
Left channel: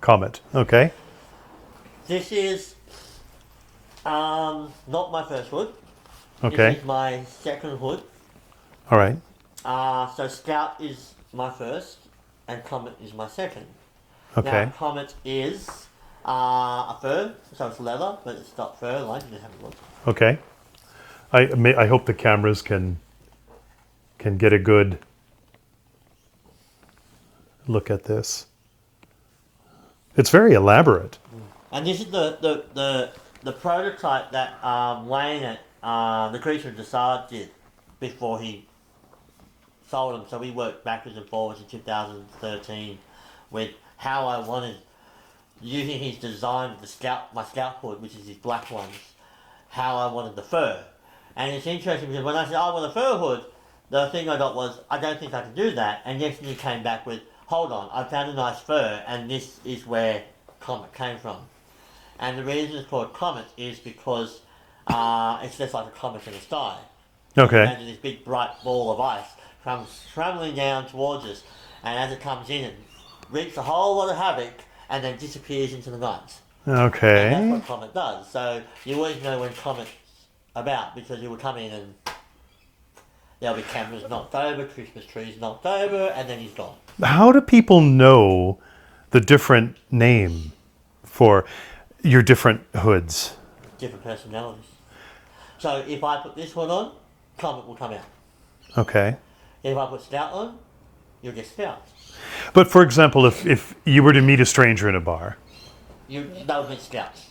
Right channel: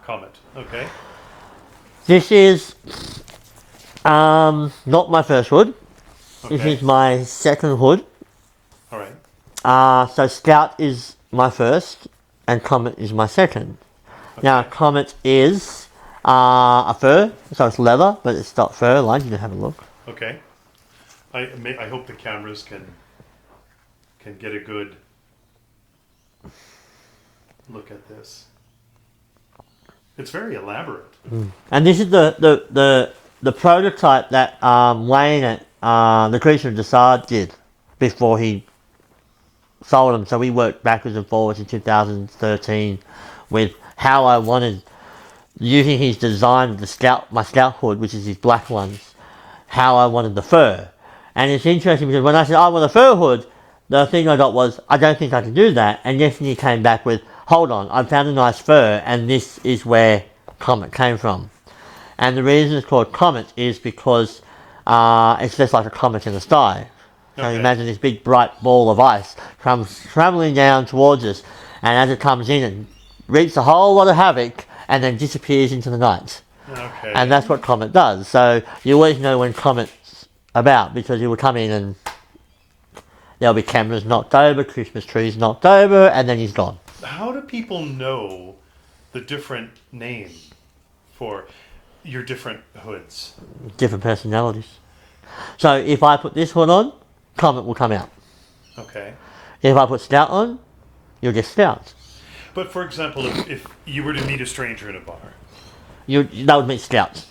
Comet. Okay. This is not my first hood. Okay. This is my second hood. All right. So Scout is my first and Comet is my second. Okay. Now Comet is a fur, so it's leather, but it's not fur lined. You can have a look. Okay. I hope the cameras can get a good look at this. It's very elaborate. And this is the prototype that Wayne at the Creature of Desart did before he sold them. So we worked backwards and forwards in 2013 with how I wanted, using his design of my Scout hood, which is his black ones, how I wanted the fur. And it's interesting because when I said I want a fur hood, the thing I got was, I don't think I can do that. And yesterday he came back with, hold on, I found a nice fur, and this is where Comet came from. And the reason it's called Comet is because it's just like a comet in the sky. So Okay. imagine this big bright ball of ice comes travelling down towards us, and as it comes in, it wreaks a whole lot of havoc and then disappears into the night. Okay. And that's what Comet does. So you always know when Comet's about, because he will come in and there'll be cameras knocked over, Christmas trees knocked over, and then he's gone. How do people know the different name for your different hoods? Different personalities. So if I put this hood on, Comet will come out. Okay. If I put Scout on, you'll get Scout. But for example, if you were to meet a stranger in a bar. That would meet Scout.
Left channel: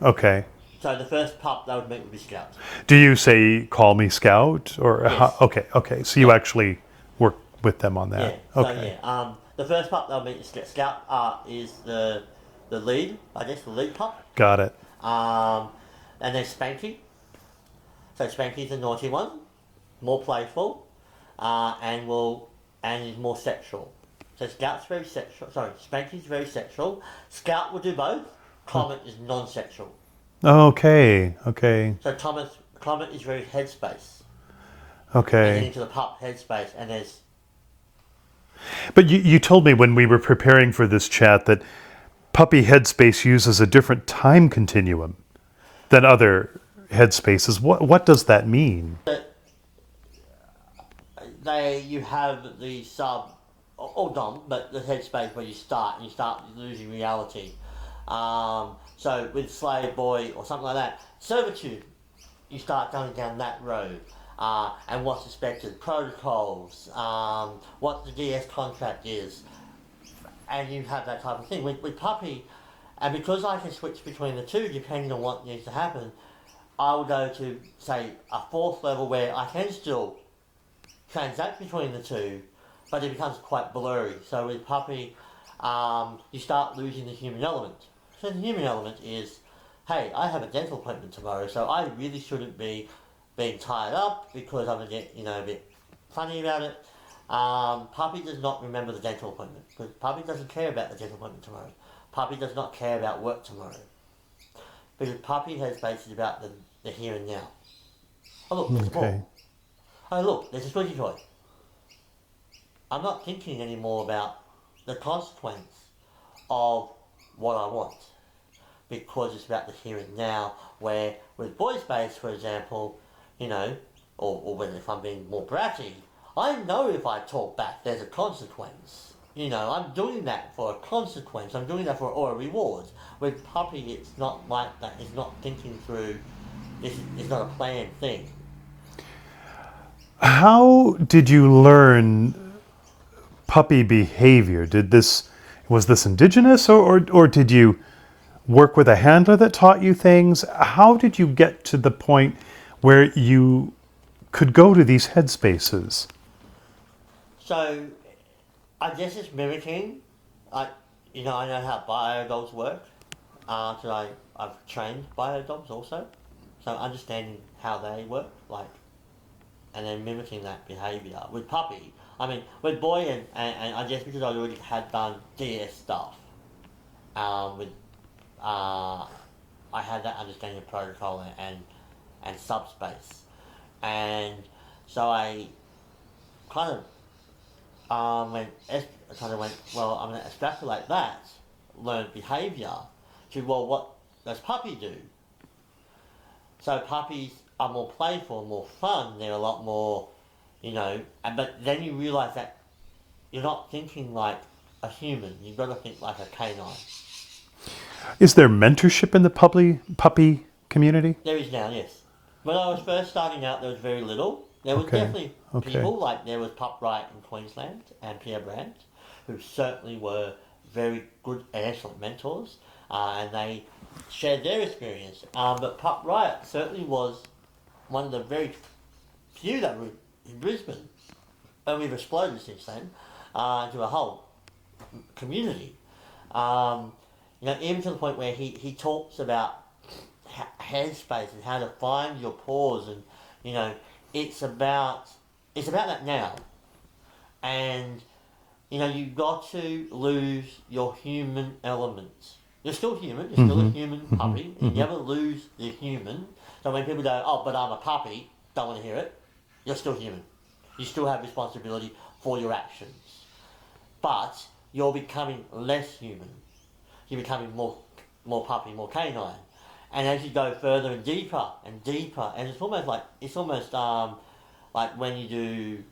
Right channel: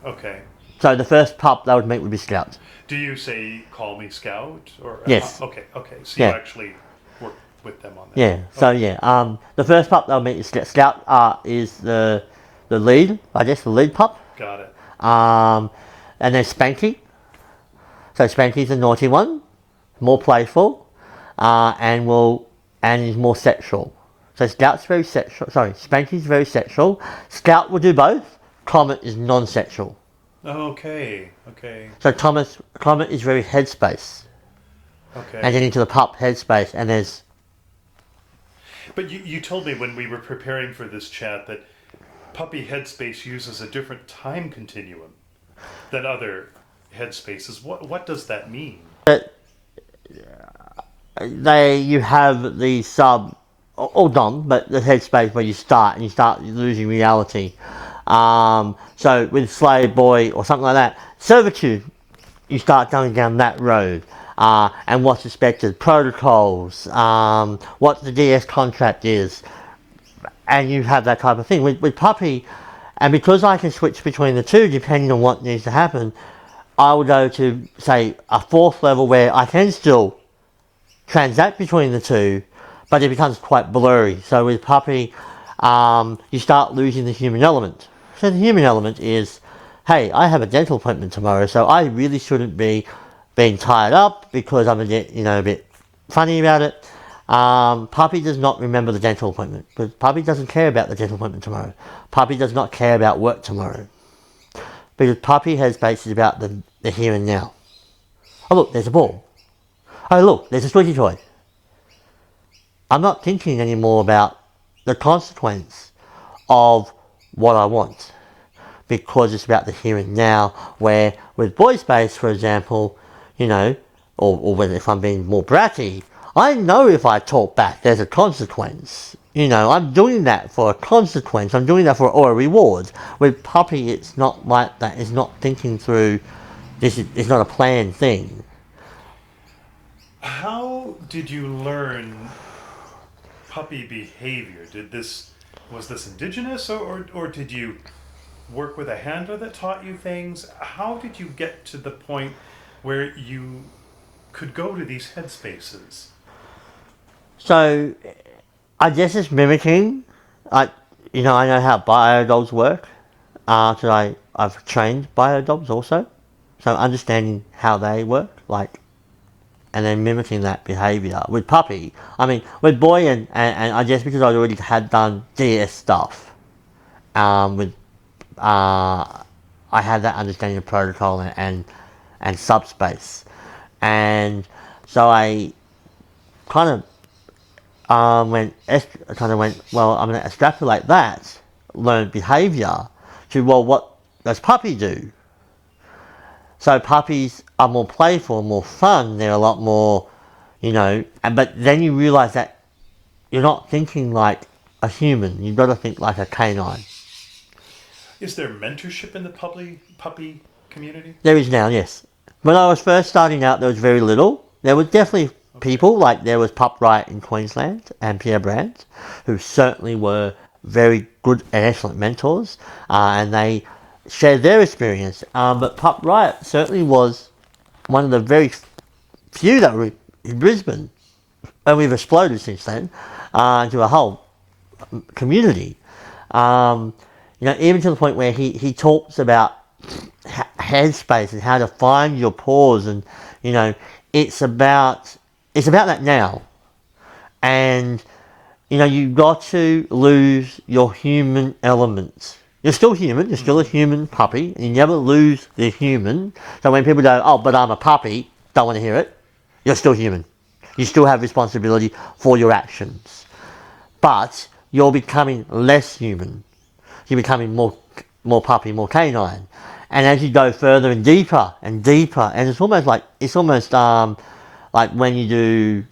Okay. So the first pup they would meet would be Scout. Do you say, call me Scout? Or Yes. Okay. So you Yeah. actually work with them on that. Yeah. So yeah, the first pup they'll meet is Scout. Scout is the lead, I guess, the lead pup. Got it. And there's Spanky. So Spanky's the naughty one, more playful, and is more sexual. So Scout's very sexual. Sorry, Spanky's very sexual. Scout will do both. Comet is non-sexual. Okay. So Comet is very headspace. Okay. And then into the pup headspace, and there's. But you told me when we were preparing for this chat that puppy headspace uses a different time continuum than other headspaces. What does that mean? You have the sub or dom, but the headspace where you start losing reality. So with slave boy or something like that, servitude, you start going down that road. And what's expected, protocols, what the DS contract is, and you have that type of thing. With puppy, And because I can switch between the two depending on what needs to happen, I will go to, say, a fourth level where I can still transact between the two, but it becomes quite blurry. So with puppy, you start losing the human element. So the human element is, hey, I have a dental appointment tomorrow, so I really shouldn't be being tied up because I'm a bit funny about it. Puppy does not remember the dental appointment, but puppy doesn't care about the dental appointment tomorrow. Puppy does not care about work tomorrow, because puppy has basis about the here and now. Oh look, there's a ball. Oh look, there's a squishy toy. I'm not thinking anymore about the consequence of what I want, because it's about the here and now, where with boy space, for example, or whether if I'm being more bratty, I know if I talk back, there's a consequence. I'm doing that for a consequence. I'm doing that for a reward. With puppy, it's not like that. It's not thinking through. It's not a planned thing. How did you learn puppy behavior? Was this indigenous, or did you work with a handler that taught you things? How did you get to the point where you could go to these headspaces? So, I guess it's mimicking. I know how biodogs work. So I've trained biodogs also. So understanding how they work, and then mimicking that behaviour. With puppy, with boy and I guess because I already had done DS stuff, I had that understanding of protocol and subspace. And so I kind of went, well, I'm going to extrapolate that learned behaviour to, well, what does puppy do? So puppies are more playful, more fun, they're a lot more, but then you realise that you're not thinking like a human, you've got to think like a canine. Is there mentorship in the puppy community? There is now, yes. When I was first starting out, there was very little. There was definitely people, like there was Pup Riot in Queensland and Pierre Brandt, who certainly were very good and excellent mentors, and they shared their experience. But Pup Riot certainly was one of the very few that were in Brisbane, and we've exploded since then into a whole community. Even to the point where he talks about headspace and how to find your pause, and it's about that now. And you've got to lose your human elements. You're still human, you're still a human puppy, and you never lose the human. So when people go, oh, but I'm a puppy, don't want to hear it, you're still human. You still have responsibility for your actions. But you're becoming less human. You're becoming more puppy, more canine. And as you go further and deeper, and it's almost like when you do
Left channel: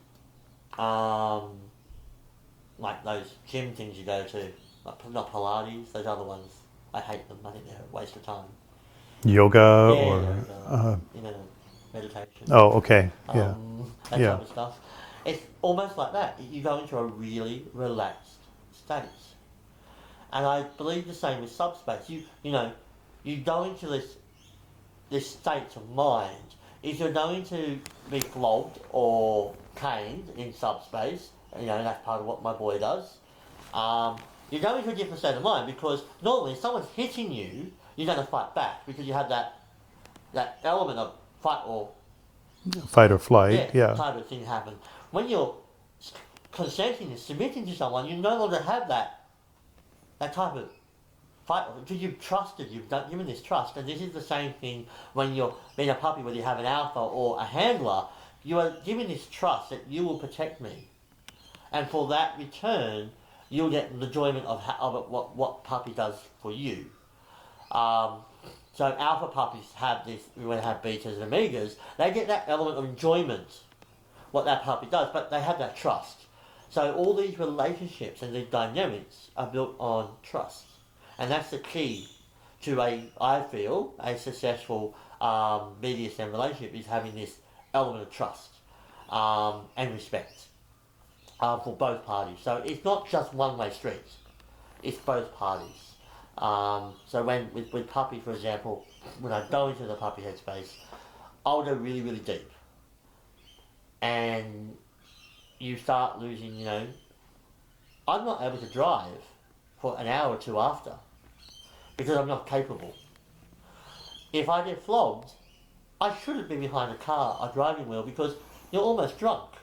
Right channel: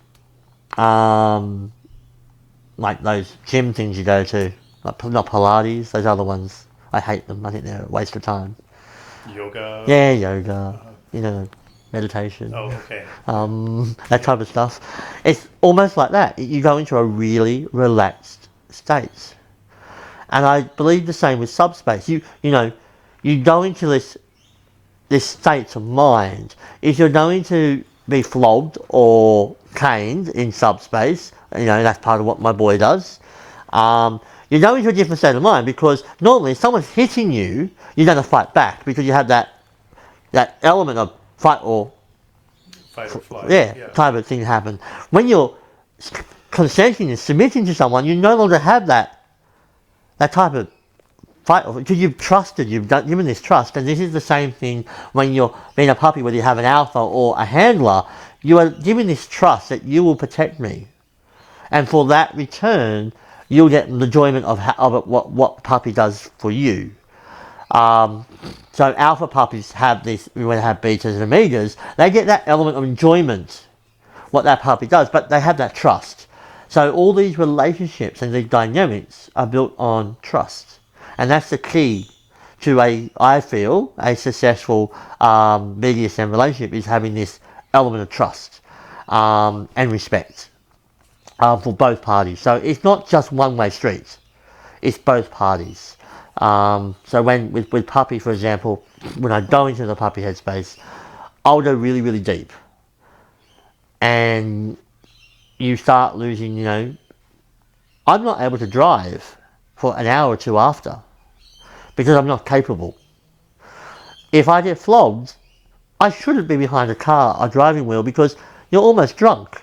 like those gym things you go to, like not Pilates, those other ones. I hate them. I think they're a waste of time. Yoga? Yeah, yoga. Meditation. Oh, okay. That type of stuff. It's almost like that. You go into a really relaxed state. And I believe the same with subspace. You go into this state of mind. If you're going to be flogged or caned in subspace, that's part of what my boy does. You go into a different state of mind, because normally if someone's hitting you, you're going to fight back because you have that element of fight or flight. Yeah. Type of thing happen. When you're consenting and submitting to someone, you no longer have that type of fight, because you've trusted, given this trust. And this is the same thing when you're being a puppy, whether you have an alpha or a handler. You are giving this trust that you will protect me, and for that return, you'll get the enjoyment of what puppy does for you. So alpha puppies have this. When they have betas and omegas, they get that element of enjoyment, what that puppy does, but they have that trust. So all these relationships and these dynamics are built on trust. And that's the key to I feel, a successful BDSM relationship, is having this element of trust and respect for both parties. So it's not just one-way streets, it's both parties. So when with puppy, for example, when I go into the puppy headspace, I'll go really, really deep. And you start losing, I'm not able to drive for an hour or two after because I'm not capable. If I get flogged, I shouldn't be behind a car or driving wheel because you're almost drunk.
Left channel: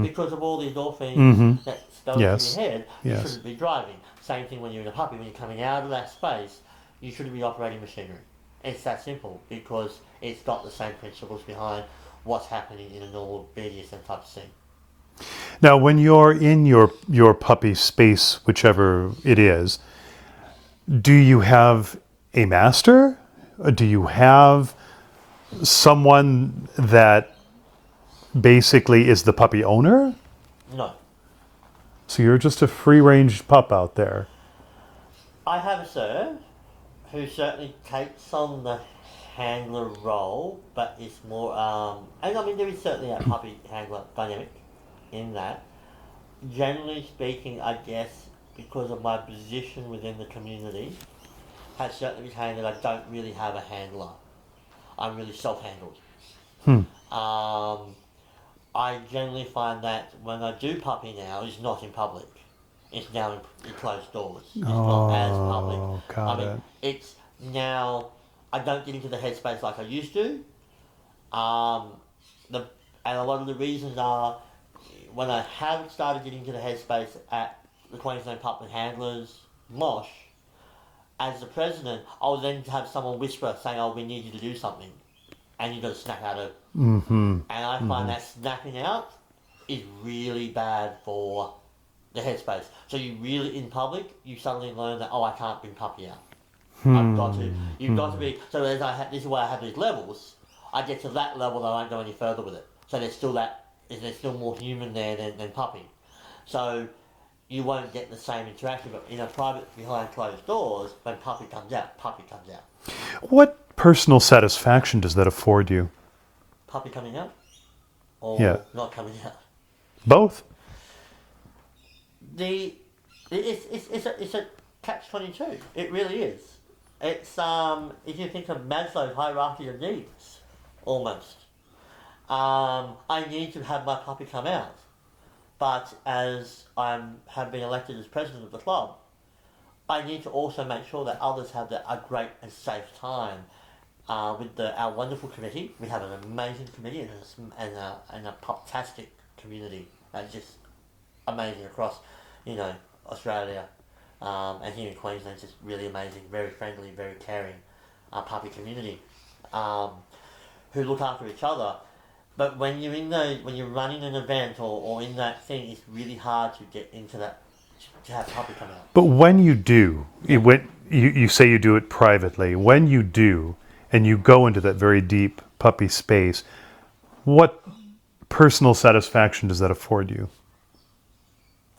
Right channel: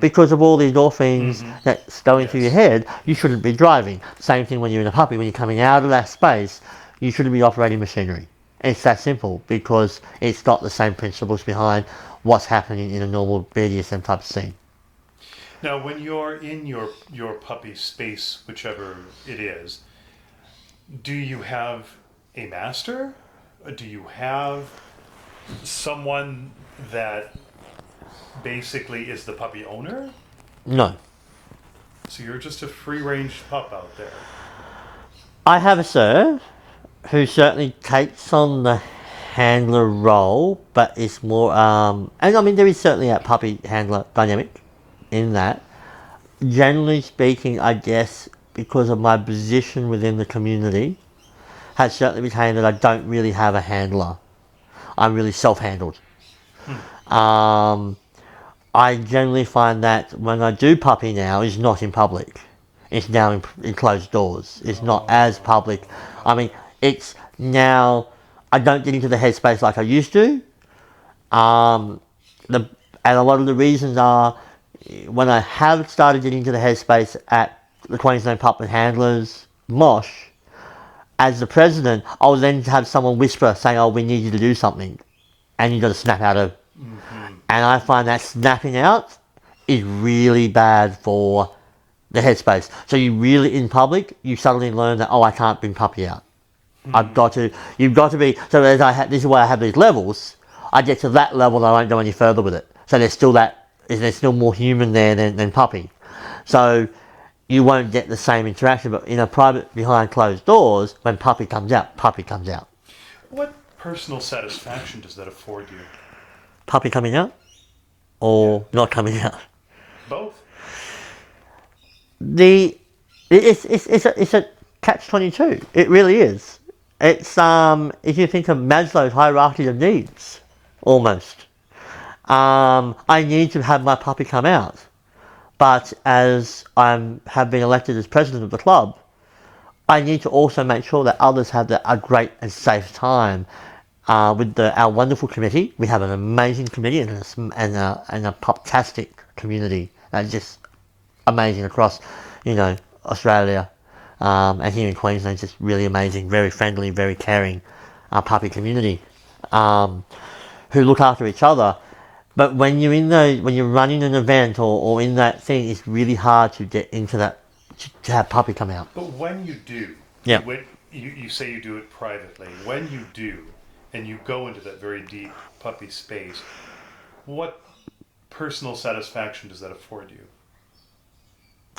Because of all the endorphins that's going through your head, you shouldn't be driving. Same thing when you're in a puppy, when you're coming out of that space, you shouldn't be operating machinery. It's that simple because it's got the same principles behind what's happening in a normal BDSM type of scene. Now, when you're in your puppy space, whichever it is, do you have a master? Do you have someone that basically is the puppy owner? No. So you're just a free-range pup out there. I have a sir who certainly takes on the handler role, but it's more, and I mean, there is certainly a puppy handler dynamic in that. Generally speaking, I guess, because of my position within the community, has certainly retained that I don't really have a handler. I'm really self-handled. I generally find that when I do puppy now, it's not in public. It's now in closed doors. It's not as public. I mean, it's now, I don't get into the headspace like I used to. And a lot of the reasons are, when I have started getting into the headspace at the Queensland Pup and Handlers, MOSH, as the president, I will then have someone whisper saying, oh, we need you to do something. And you've got to snap out of. And I find that snapping out is really bad for the headspace. So you really, in public, you suddenly learn that, oh, I can't bring puppy out. You've got to be, so this is why I have these levels. I get to that level and I won't go any further with it. So there's still more human there than puppy. So you won't get the same interaction, but in a private, behind closed doors, when puppy comes out, puppy comes out. What personal satisfaction does that afford you? Puppy coming out? Or not coming out? Both. It's a catch-22. It really is. It's if you think of Maslow's hierarchy of needs, almost. I need to have my puppy come out, but as have been elected as president of the club, I need to also make sure that others have a great and safe time. With our wonderful committee, we have an amazing committee and a puptastic community that's just amazing across, Australia, and here in Queensland, it's just really amazing, very friendly, very caring, puppy community, who look after each other. But when you're running an event or in that thing, it's really hard to get into that, to have puppy come out. But when you do, Yeah. you say you do it privately. When you do, and you go into that very deep puppy space, what personal satisfaction does that afford you?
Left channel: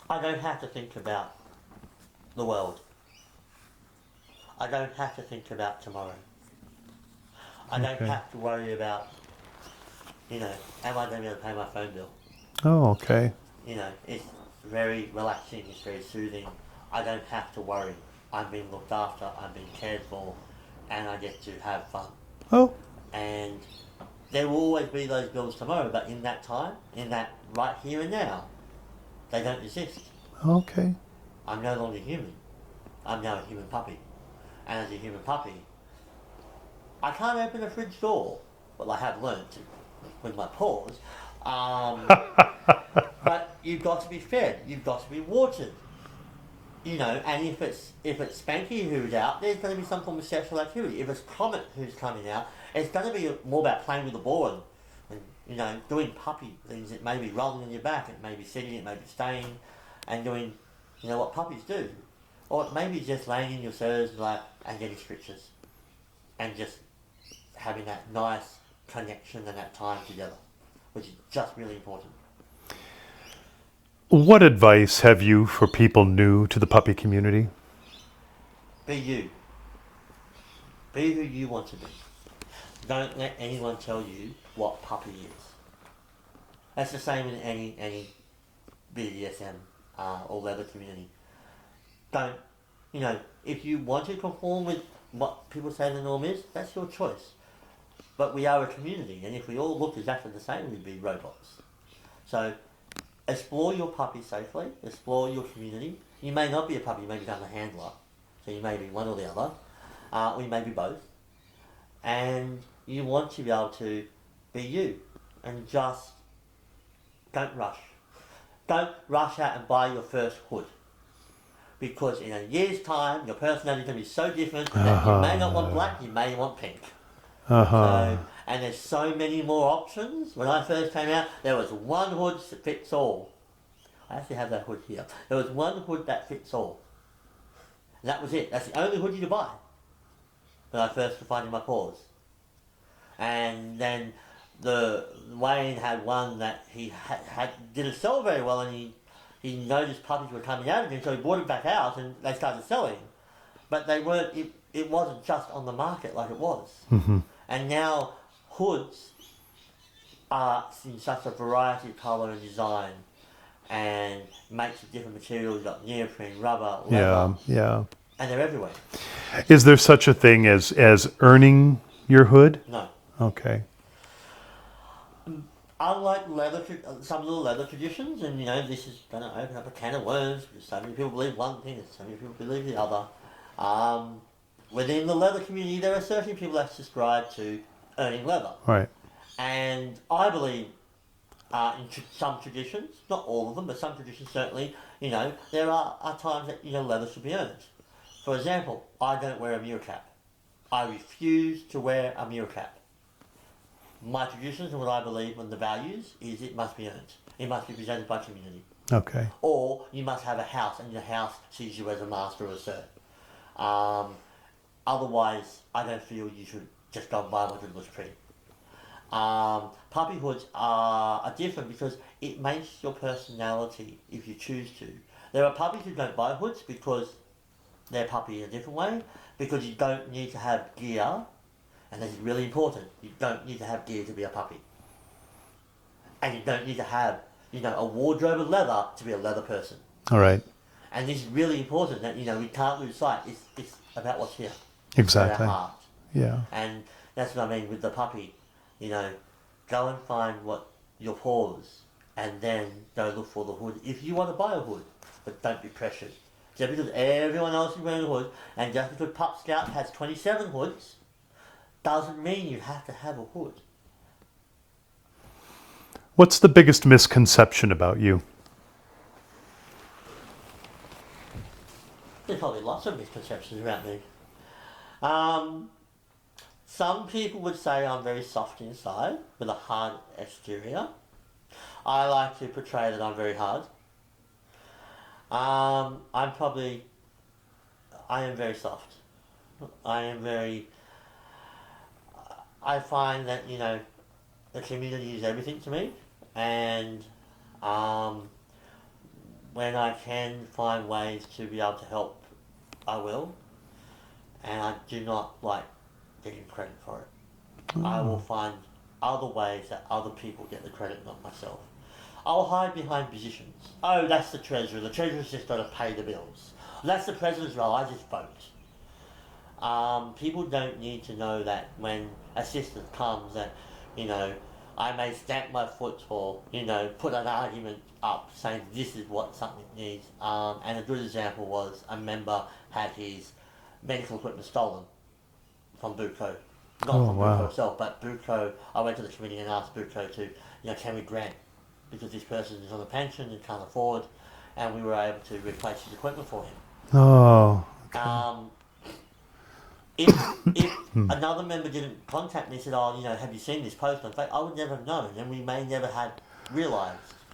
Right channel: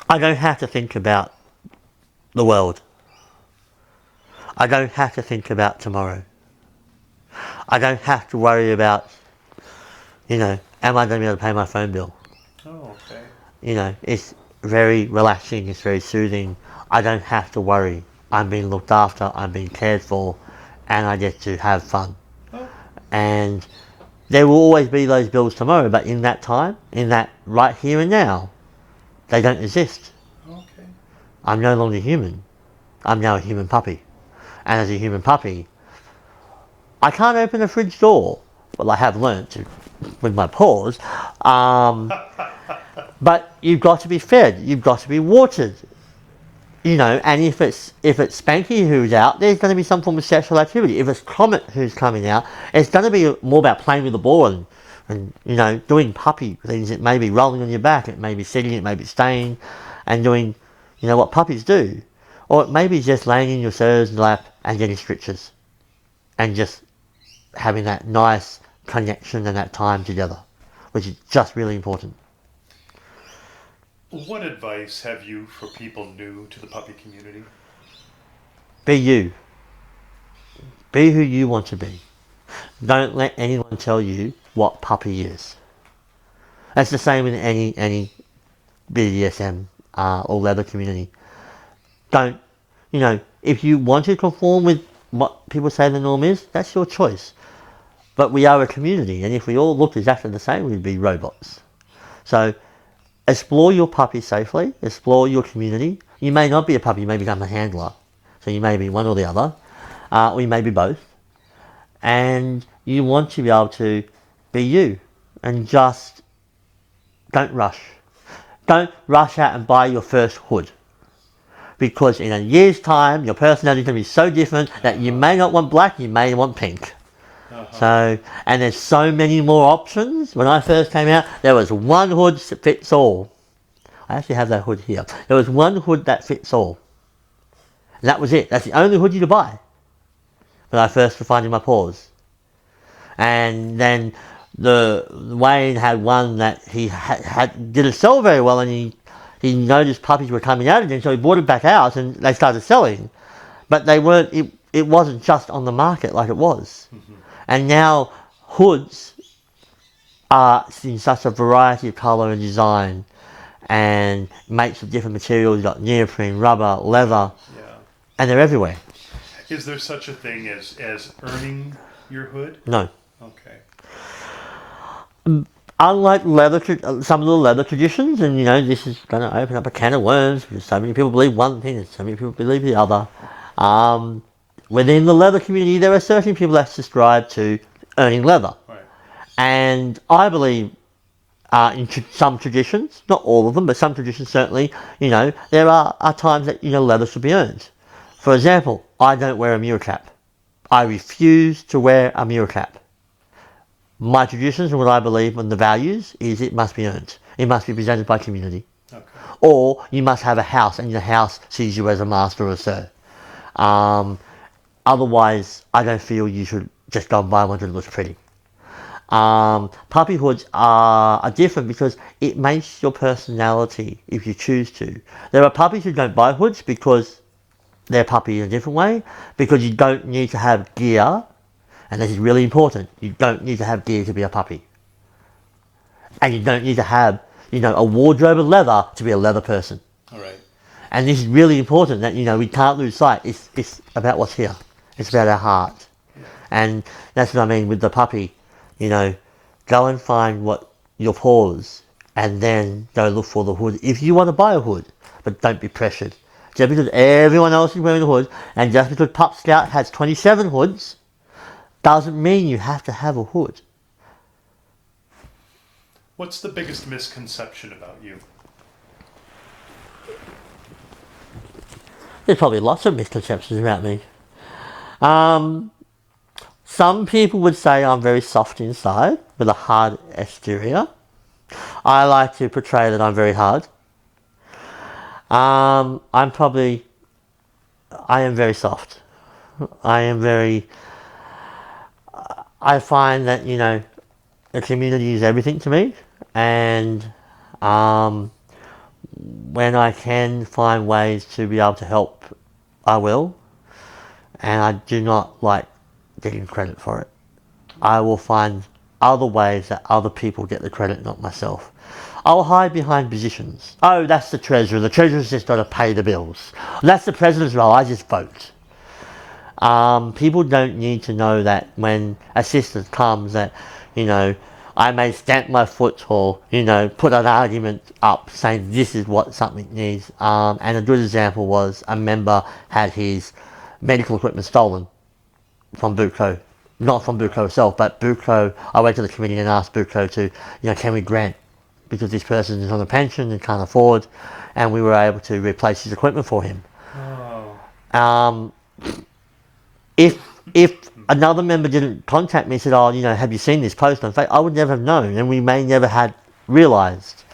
I don't have to think about the world. I don't have to think about tomorrow. I don't have to worry about, am I going to be able to pay my phone bill? Oh, okay. It's very relaxing, it's very soothing. I don't have to worry. I'm being looked after, I'm being cared for, and I get to have fun. Oh. And there will always be those bills tomorrow, but in that time, in that right here and now, they don't exist. Okay. I'm no longer human. I'm now a human puppy. And as a human puppy, I can't open a fridge door. Well, I have learnt to with my paws. But you've got to be fed. You've got to be watered. And if it's Spanky who's out, there's going to be some form of sexual activity. If it's Comet who's coming out, it's going to be more about playing with the ball and doing puppy things. It may be rolling on your back, it may be sitting, it may be staying, and doing, what puppies do. Or it may be just laying in your sir's lap and getting stretches, and just having that nice connection and that time together, which is just really important. What advice have you for people new to the puppy community? Be you. Be who you want to be. Don't let anyone tell you what puppy is. That's the same in any BDSM or leather community. Don't if you want to conform with what people say the norm is, that's your choice. But we are a community, and if we all looked exactly the same, we'd be robots. So explore your puppy safely, explore your community. You may not be a puppy, you may become a handler. So you may be one or the other, or you may be both. And you want to be able to be you, and just don't rush. Don't rush out and buy your first hood. Because in a year's time, your personality is going to be so different that you may not want black, you may want pink. So, and there's so many more options. When I first came out, there was one hood that fits all. I actually have that hood here. There was one hood that fits all. And that was it. That's the only hood you could buy. When I first was finding my paws. And then Wayne had one that he didn't sell very well, and he noticed puppies were coming out again, so he brought it back out and they started selling. But they weren't, it wasn't just on the market like it was. And now hoods are in such a variety of colour and design, and makes of different materials. You've got neoprene, rubber, leather, and they're everywhere. Is there such a thing as earning your hood? No. Okay. Unlike some of the leather traditions, and this is going to open up a can of worms, because so many people believe one thing and so many people believe the other. Within the leather community, there are certain people that subscribe to earning leather. Right. And I believe in some traditions, not all of them, but some traditions certainly, there are times that, leather should be earned. For example, I don't wear a mirror cap. I refuse to wear a mirror cap. My traditions and what I believe in the values is it must be earned. It must be presented by community. Okay. Or you must have a house, and your house sees you as a master or sir. Otherwise, I don't feel you should just go and buy one that looks pretty. Puppy hoods are different because it makes your personality if you choose to. There are puppies who don't buy hoods because they're puppy in a different way, because you don't need to have gear, and this is really important. You don't need to have gear to be a puppy. And you don't need to have, a wardrobe of leather to be a leather person. All right. And this is really important that, we can't lose sight. It's about what's here. It's about our heart. Yeah. And that's what I mean with the puppy. Go and find what your paws, and then go look for the hood if you want to buy a hood. But don't be pressured. Just because everyone else is wearing a hood, and just because Pup Skout has 27 hoods, doesn't mean you have to have a hood. What's the biggest misconception about you? There's probably lots of misconceptions about me. Some people would say I'm very soft inside with a hard exterior. I like to portray that I'm very hard. I am very soft. I find that, the community is everything to me, and when I can find ways to be able to help, I will, and I do not like getting credit for it. I will find other ways that other people get the credit, not myself. I'll hide behind positions. Oh, that's the treasurer. The treasurer's just got to pay the bills. That's the president's role. I just vote. People don't need to know that when assistance comes that, I may stamp my foot or, put an argument up saying this is what something needs. And a good example was a member had his medical equipment stolen from Buco. Not from Buco itself, but Buco, I went to the committee and asked Buco to, can we grant, because this person is on a pension and can't afford, and we were able to replace his equipment for him. Oh. If another member didn't contact me and said, have you seen this post on Facebook, I would never have known, and we may never had realised.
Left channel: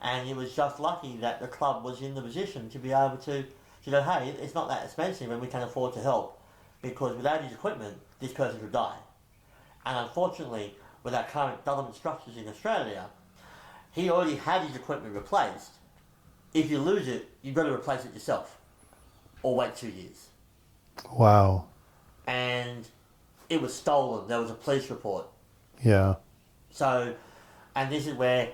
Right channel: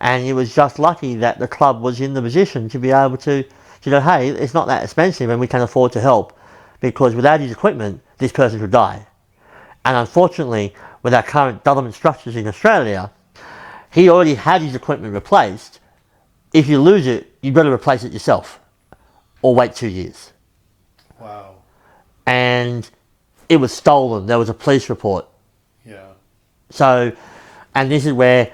And it was just lucky that the club was in the position to be able to go, hey, it's not that expensive and we can afford to help, because without his equipment, this person could die. And unfortunately, with our current government structures in Australia, he already had his equipment replaced. If you lose it, you've got to replace it yourself, or wait 2 years. Wow. And it was stolen. There was a police report. Yeah. So, and this is where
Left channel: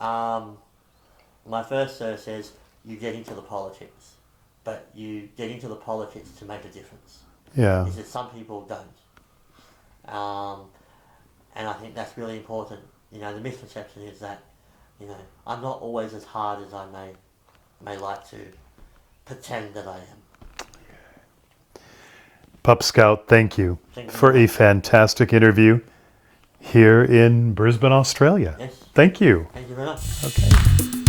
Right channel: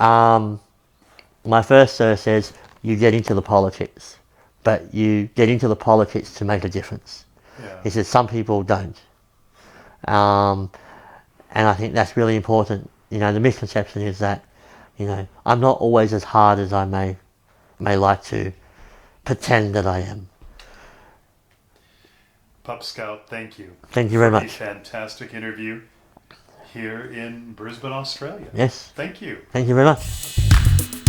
my first sir says, you get into the politics. but you get into the politics to make a difference. Yeah. He says some people don't. And I think that's really important. You know, the misconception is that, you know, I'm not always as hard as I may like to pretend that I am. Pup Skout, thank you. Thank you for very a much. fantastic interview here in Brisbane, Australia. Yes. Thank you. Thank you very much. Okay.